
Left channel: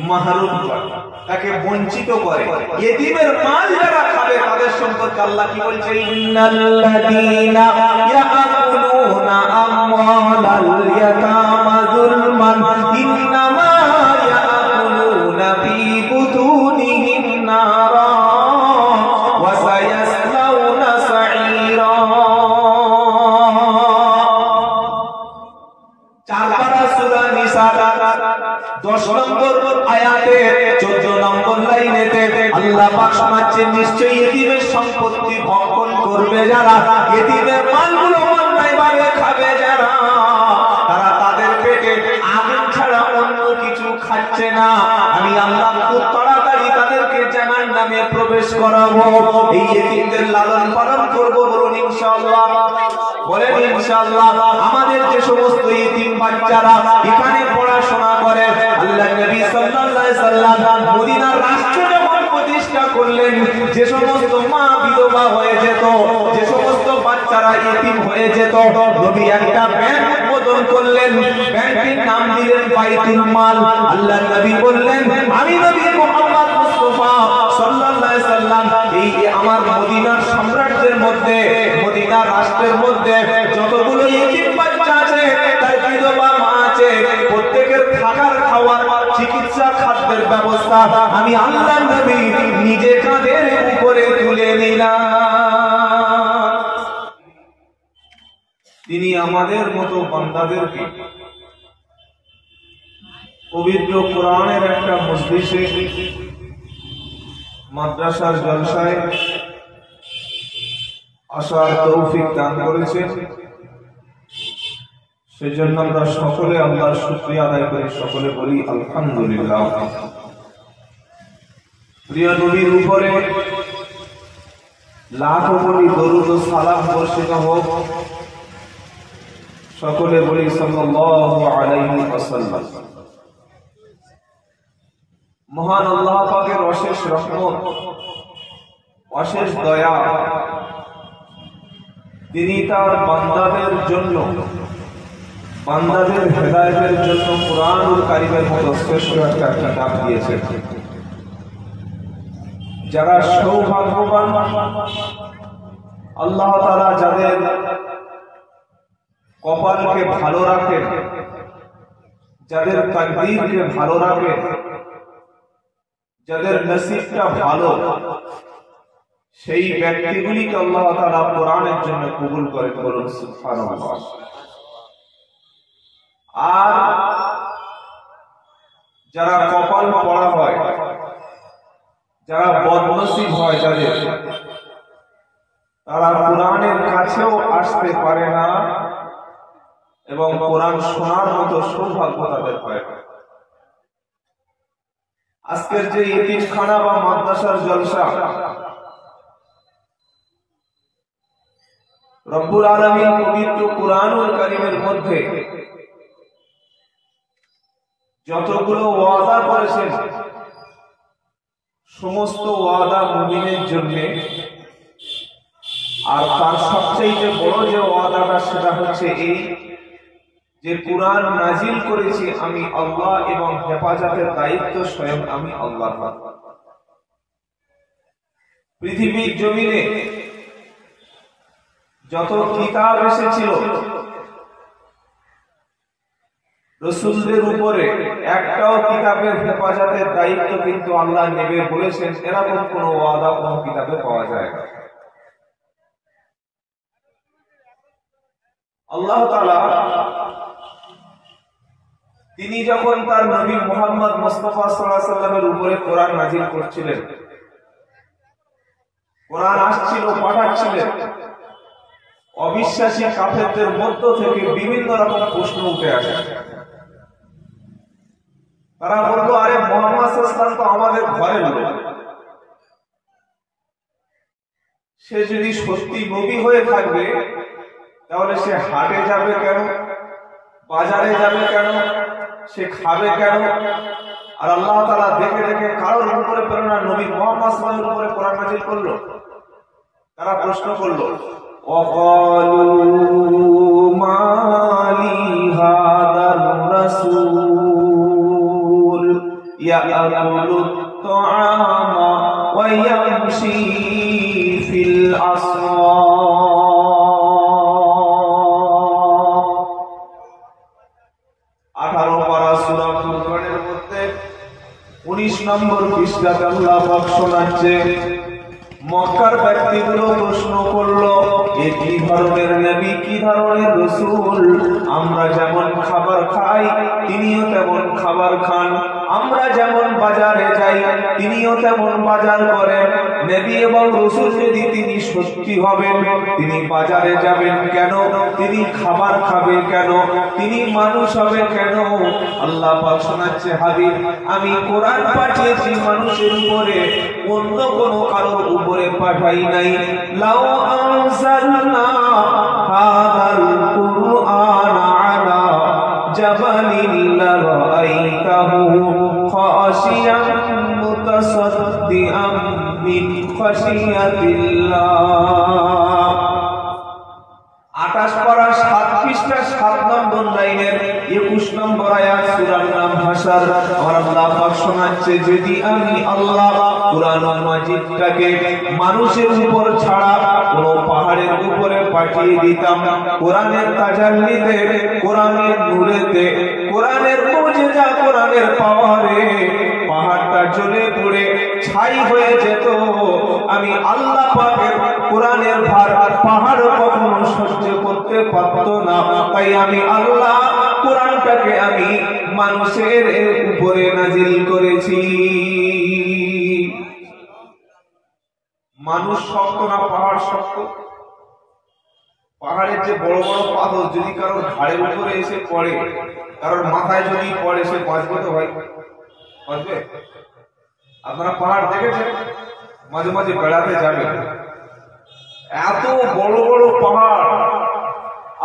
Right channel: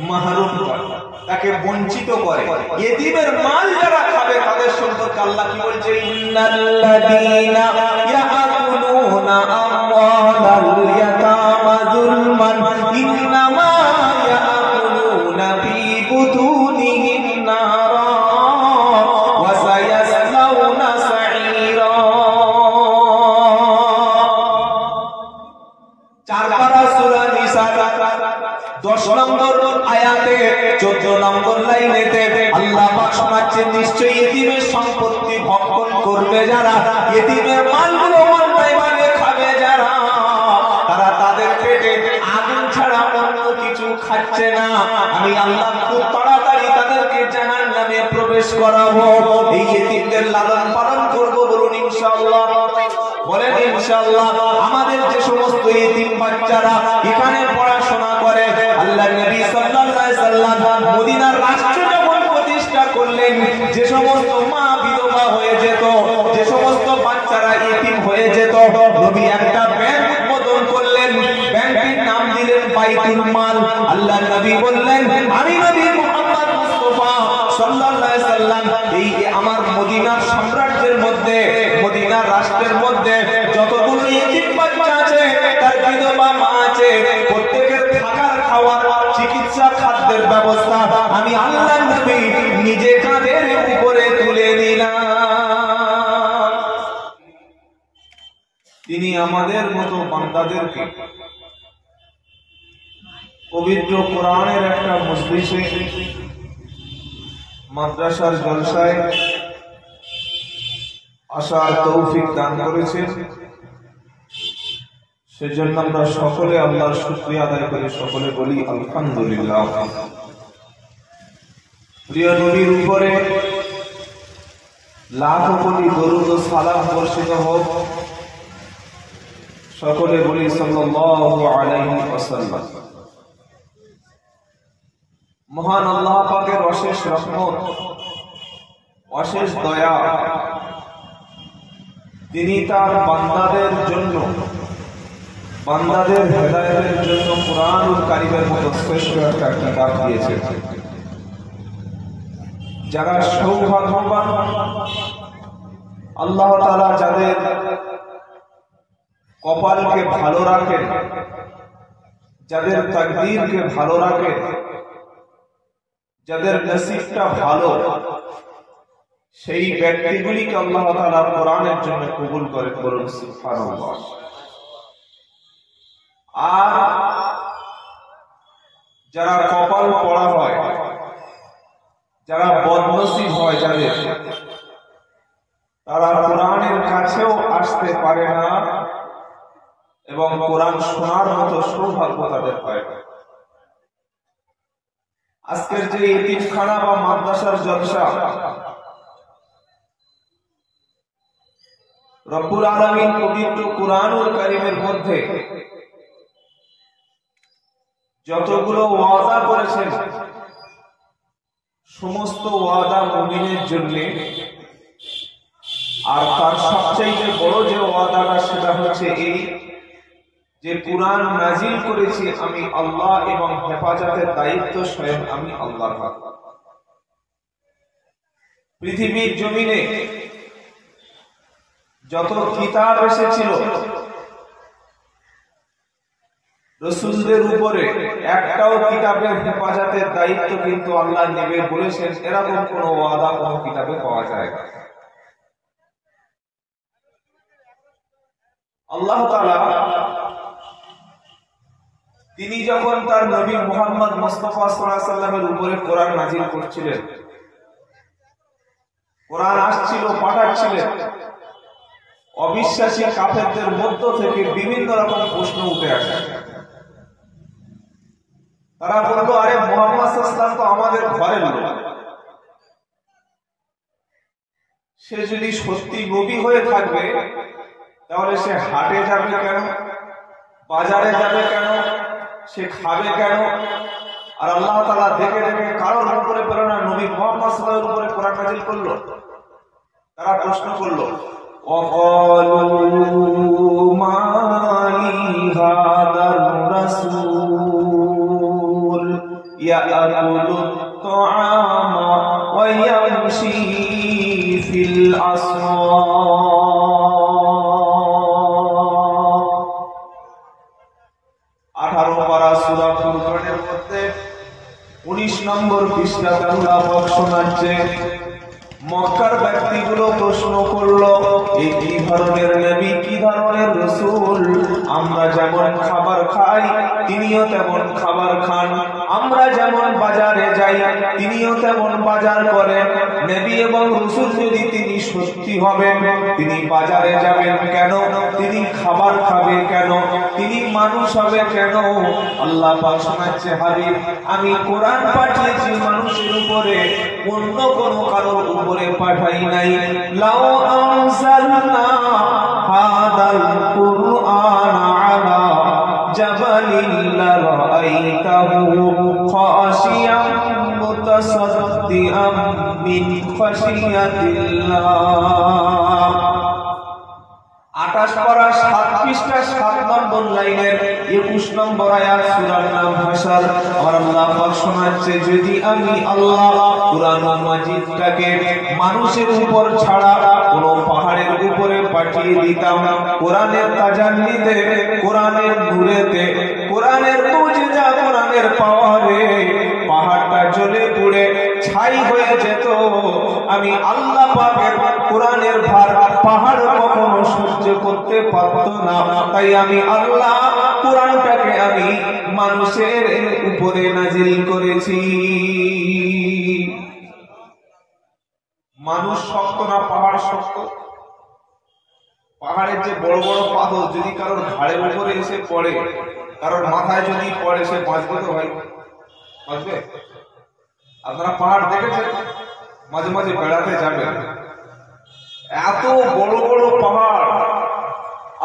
মাহরুম করে, তাকে বঞ্চিত করে। এতিমের মাল যারা খাবে তাদের সম্পর্কে আল্লাহ কি বলছে, ইন্নাল্লাযীনা ইয়াকুলুনা আমওয়ালাল ইয়াতামা যুলমান ইন্নামা ইয়াকুলুনা ফী বুতুনিহিম নারা ওয়া সায়াসলাউনা সাঈরা। 4 পারা সূরা নিসা 10 নম্বর আয়াতে 14 নম্বর লাইনেতে আল্লাহ পাক শোনাচ্ছেন, নিশ্চয়ই এতিমের সম্পত্তি ভক্ষণ করবে যারা, এতিমের মালগুলো অন্যায় ভাবে খাবে যারা, তারা তাদের পেটে আগুন ছাড়া অন্য কিছু খাচ্ছে না, আমি আল্লাহ খুব তাড়াতাড়ি তাদেরকে জাহান্নামে প্রবেশ করাবো। এই এতিমদের লালন পালন করব, বলুন ইনশাআল্লাহ। বলেন ইনশাআল্লাহ। আমাদের যে সমস্ত এতিম বাচ্চারা এখানে পড়াশোনা করে, আল্লাহর নবী সাল্লাল্লাহু আলাইহি সাল্লাম মদিনার রাষ্ট্র যখন প্রতিষ্ঠা করলেন, যে সমস্ত মা বিধবা হয়ে যেত, যে সমস্ত বাচ্চারা এতিম হয়ে যেত, নবী একটা ব্যাংক উদ্বোধন করলেন, ব্যাংকের নাম দিলেন বাইতুল মাল। আল্লাহর নবী বললেন, আমি নবী মুহাম্মদ মুস্তাফা সাল্লাল্লাহু আলাইহি সাল্লাম এই আমার মদিনার সাম্রাজ্যের মধ্যে, মদিনার রাষ্ট্রের মধ্যে যতগুলো এতিম বাচ্চা আছে, তার বিধবা মা আছে, প্রত্যেকের থাকার, খাওয়ার, চিকিৎসা, খাদ্যের ব্যবস্থা আমি আল্লাহর নবী নিজে কাঁধের উপরে তুলে নিলাম। তিনি আমাদের মতো বান্দাদেরকে পবিত্র কোরআনের একটা মজলিসে, মাদ্রাসার জলসায় আসার তৌফিক দান করেছেন। সেজন্য আমরা সকলে আল্লাহর শুকরিয়া আদায় করি, সকলে বলি আলহামদুলিল্লাহ। প্রিয় নবীর উপরে লাখো কোটি দরুদ ও সালাম বর্ষিত হোক, সকলে বলি সাল্লাল্লাহু আলাইহি ওয়াসাল্লাম। মহান আল্লাহ পাকের অশেষ রহমত, অশেষ দয়া, তিনি তার বান্দাদের জন্য, বান্দাদের হেদায়েতের জন্য কুরআনুল কারীমের মতো শ্রেষ্ঠ একটা কিতাব দিয়েছেন। যারা সৌভাগ্যবান, আল্লাহ তাআলা যাদের কপালকে ভালো রাখেন, যাদের তাকদীরকে ভালো রাখেন, যাদের নসিবটা ভালো, সেই ব্যক্তিগুলিকে আল্লাহ তাআলা কোরআনের জন্য কবুল করে। বলুন সুবহানাল্লাহ। আর যারা কপাল পড়া হয়, যারা বদনসিব হয়, যাদের তারা কোরআনের কাছেও আসতে পারে না এবং কোরআন শোনার মতো সৌভাগ্য তাদের হয় না। আজকের যে এতিমখানা বা মাদ্রাসার জলসা, রব্বুল আলামিন পবিত্র কুরআনুল কারীমের মধ্যে যতগুলো ওয়াদা করেছেন, সমস্ত ওয়াদা মুমিনের জন্য। আর তার সবচেয়ে বড় যে ওয়াদাটা, সেটা হচ্ছে এই যে কুরআন নাজিল করেছি আমি আল্লাহ এবং হেফাজতের দায়িত্ব স্বয়ং আমি আল্লাহর। পৃথিবীর জমিনে যত কিতাব এসেছিল, রাসূলদের উপরে একটাও কিতাবের হেফাজতের দায়িত্ব কিন্তু আল্লাহ নেবে বলেছেন, এরকম কোন ওয়াদা কোন কিতাবে পাওয়া যায় না। আল্লাহ তাআলা তিনি যখন তার নবী মুহাম্মদ মুস্তাফা সাল্লাল্লাহু আলাইহি ওয়াসাল্লামের উপরে কোরআন নাজিল করছিলেন, কোরআন আসছিল, পাঠাচ্ছিলেন, অবিশ্বাসী কাফেরদের মধ্য থেকে বিভিন্ন রকম প্রশ্ন উঠে আসে। তারা বলতো, আরে মুহাম্মদ সাল্লাল্লাহু আলাইহি ওয়াসাল্লাম তো আমাদের ঘরের লোক, সে যদি সত্যি নবী হয়ে থাকবে তাহলে সে হাটে যাবে কেন, বাজারে যাবে কেন, সে খাবে কেন? আর আল্লাহ তাআলা দেখে দেখে কারোর উপরে প্রেরণা নবী মুহাম্মদ সাল্লাল্লাহু আলাইহি ওয়াসাল্লামের উপরে কোরআন নাযিল করলো। তারা প্রশ্ন করলো, ওয়াকালু মালি হাদার রাসূল ইয়াকুলু তাআমা ওয়া ইয়ামশি ফিল আসওয়াক। 18 পারা সূরা ফুরকানের মধ্যে 19 নম্বর পৃষ্ঠাতে আল্লাহ পাক শোনাচ্ছে, মক্কার ব্যক্তিগুলো প্রশ্ন করলো, এ কি ধরনের নবী, কি ধরনের রাসূল? আমরা যেমন খাবার খাই তিনিও তেমন খাবার খান, আমরা যেমন বাজারে যাই তিনিও তেমন বাজার করেন। নবী এবং রাসূল যদি তিনি সত্যি হবেন, তিনি বাজারে যাবেন কেন? তিনি খাবার খাবে কেন? তিনি মানুষ হবে কেন? আল্লাহ পাক শোনাচ্ছে, হাবিব আমি কোরআন পাঠিয়েছি মানুষের উপরে, অন্য কোন কারোর উপরে পাঠাই নাই। লাউ আনজালনা হাদাল কুরআন আলা জাবালিন লারাআইতাহু খাশিয়াম মুতাসাদ্দিআম মিন খাশিয়াতিল্লাহ। 28 পারা 7 পৃষ্ঠা 7 নম্বর লাইনের 21 নম্বর আয়াত, সূরার নাম হাশর। আর আল্লাহ পাক শোনাচ্ছে, যদি আমি আল্লাহ কুরআন মাজিদটাকে মানুষের উপর ছাড়া কোন পাহাড়ের উপরে পাঠিয়ে দিতাম, কোরআনের তাজাল্লিতে, কোরআনের নূরেতে, কোরআনের মুজিজা, কোরআনের পাওয়ারে পাহাড়টা জ্বলে পুড়ে ছাই হয়ে যেত। আমি আল্লাহ পাকের কোরআনের ভার পাহাড় কখনো সহ্য করতে পারত না। তাই আমি আল্লাহ কোরআনটাকে আমি মানুষের উপরে নাজিল করেছি। মানুষ শক্ত না পাহাড় শক্ত? পাহাড়ের যে বড় বড় পাথর যদি কারোর ঘাড়ের উপরে এসে পড়ে, কারোর মাথায় যদি পড়ে, সে বাঁচবে তো ভাই? বাঁচবে? আপনারা পাহাড় দেখেছেন? মাঝে মাঝে বেড়াতে যাবেন, এত বড় বড় পাহাড়,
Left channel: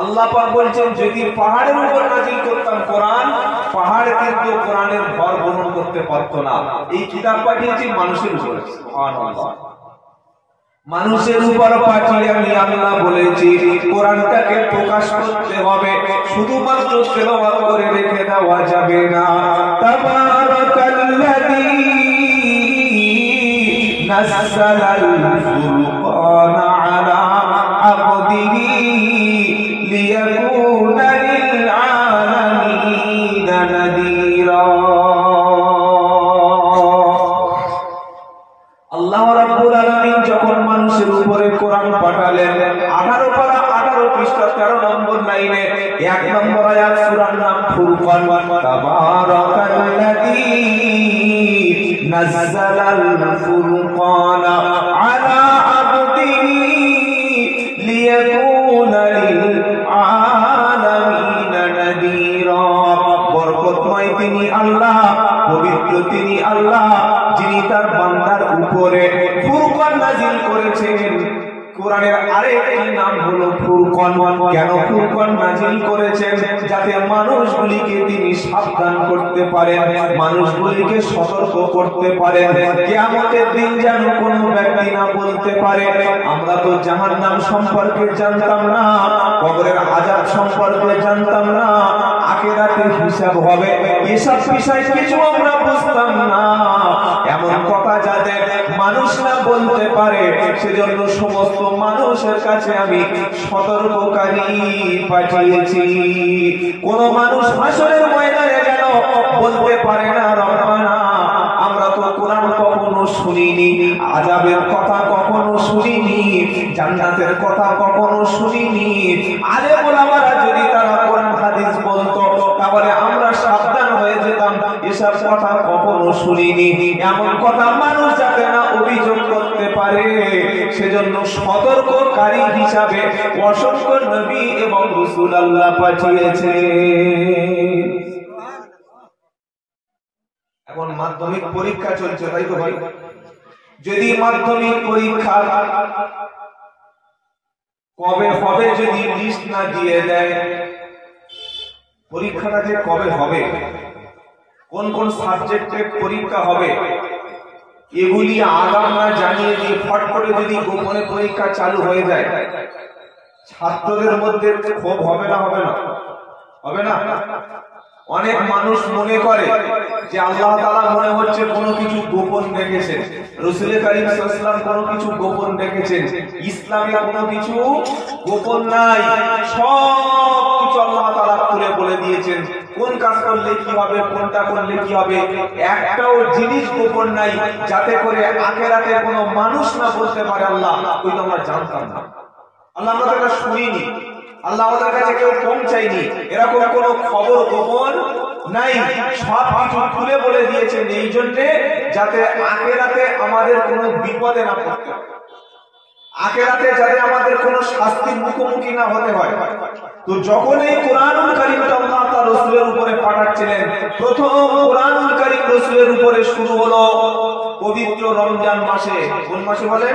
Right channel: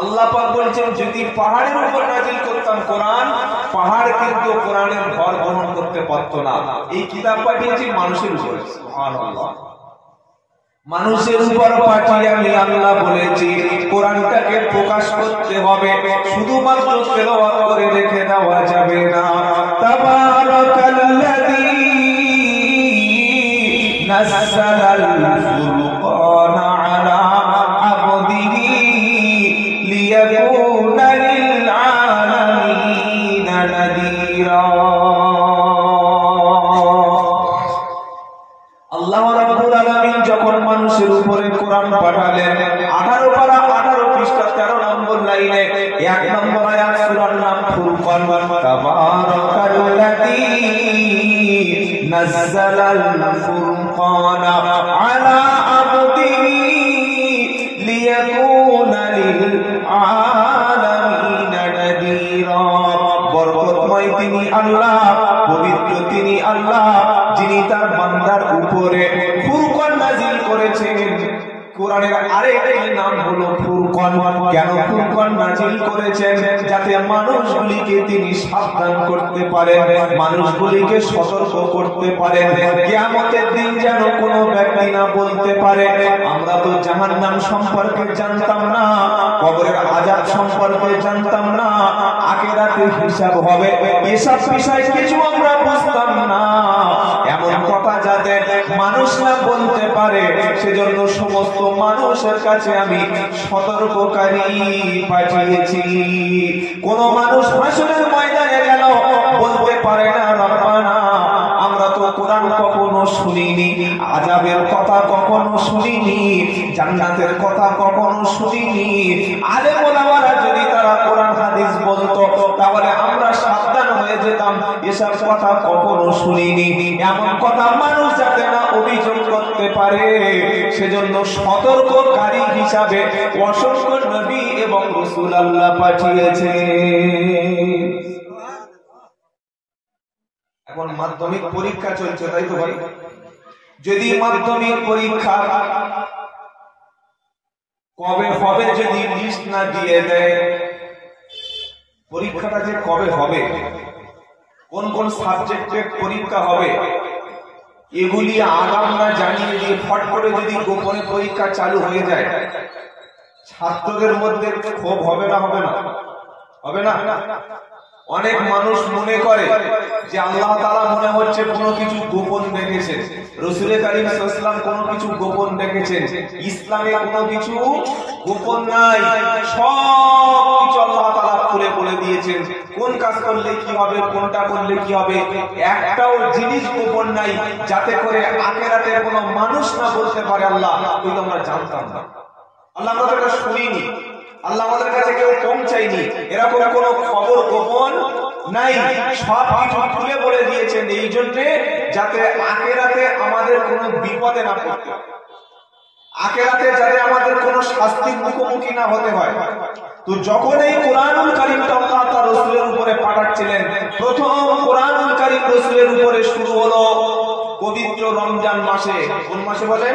আল্লাহ পাক বলছেন যদি পাহাড়ের উপর নাজিল করতাম কোরআন, পাহাড় কিন্তু কোরআনের ভর গ্রহণ করতে পারত না। এই কিতাব পাঠিয়েছি মানুষের উপর, সুবহানাল্লাহ। মানুষের উপর পাঠিয়ে আমি আল্লাহ বলেছি কোরআনটাকে প্রকাশ করতে হবে, শুধুমাত্র তেলাওয়াত করে রেখে দেওয়া যাবে না। তাবারাকাল্লাযী নাযালাল ফুরকানা আলা আবদিহি লিয়াকুনা লিল আলামিনা নাযীরা। আল্লাহ রাব্বুল আলামিন যখন মানুষের উপরে কোরআন পাঠালেন, 18 পারা 18 পৃষ্ঠা 13 নম্বর লাইনে 1 নম্বর আয়াত, সূরার নাম ফুরকান। তাবারাকাল্লাযী নাযালাল ফুরকানা আলা আবদিহি লিয়াকুনা লিল আলামিনা নাযীরা। বরকতময় তিনি আল্লাহ, পবিত্র তিনি আল্লাহ, যিনি তার বান্দার উপরে ফুরকান নাযিল করেছেন। কোরআনের আরেকটি নাম হলো ফুরকান। কেন ফুরকান নাযিল করেছেন? যাতে মানুষগুলিকে তিনি সাবধান করতে পারেন, মানুষগুলিকে সতর্ক করতে পারেন। কিয়ামতের দিন যেন কোনো ব্যক্তি না বলতে পারে আমরা তো জাহান্নাম সম্পর্কে জানতাম না, কবরের আযাব সম্পর্কে জানতাম না, আখিরাতে হিসাব হবে এসব বিষয় কিছু আমরা বুঝতাম না। এমন কথা যাতে মানুষ না বলতে পারে, সেজন্য সমস্ত মানুষের কাছে আমি সতর্ককারী পাঠিয়েছি। কোন মানুষ হাসরের ময়দানে গেল বলতে পারে না রব্বানা আমরা তো কোরআন কখনো শুনিনি, আযাবের কথা কখনো শুনিনি, জান্নাতের কথা কখনো শুনিনি। আলেম ওলামারা যদি তারা কোরআন হাদিস বলতো তাহলে আমরা সাবধান হয়ে যেতাম, এসব কথা কখনো শুনিনি। এমন কথা মানুষ যাতে না অভিযোগ করতে পারে, সেজন্য সতর্ককারী হিসাবে অসংখ্য নবী এবং রাসূল আল্লাহ পাঠিয়েছে। এখন মাধ্যমিক পরীক্ষা চলছে, তাই তো ভাই? যদি মাধ্যমিক পরীক্ষা কবে হবে যদি লিস্ট না দিয়ে দেয়, পরীক্ষাটা যে কবে হবে, কোন কোন সাবজেক্টে পরীক্ষা হবে, এগুলি আগাম না জানিয়ে দিয়ে ফট করে যদি গোপনে পরীক্ষা চালু হয়ে যায়, ছাত্রদের মধ্যে ক্ষোভ হবে না? হবে না? হবে না? অনেক মানুষ মনে করে যে আল্লাহ তাআলা মনে হচ্ছে কোনো কিছু গোপন রেখেছেন, রাসূল কারীম সাল্লাল্লাহু আলাইহি ওয়াসাল্লাম কোনো কিছু গোপন রেখেছেন। ইসলামে কোনো কিছু গোপন নাই, সব কিছু আল্লাহ তাআলা খুলে বলে দিয়েছেন। কোন কাজ করলে কি হবে, কোনটা করলে কি হবে, একটাও জিনিস গোপন নাই, যাতে করে আখিরাতে কোনো মানুষ না বলতে পারে আল্লাহ তুই তো আমরা জানতাম না, আল্লাহ আমাদের কাছে শুনিনি, আল্লাহ আমাদের কাছে কেউ পৌঁছায়নি, এরকম কোনো খবর গোপন নাই, সব কিছু খুলে বলে দিয়েছেন। এই জন্য যাতে আখিরাতে আমাদের কোনো বিপদে না পড়তে হয়, আখিরাতে যাতে আমাদের কোনো শাস্তির মুখোমুখি না হতে হয়। তো যখন এই কোরআনুল কারীম আল্লাহ তার রাসূলের উপরে পাঠাচ্ছিলেন, প্রথম কোরআনুল কারীম রাসূলের উপরে শুরু হলো পবিত্র রমজান মাসে। কোন মাসে বলেন?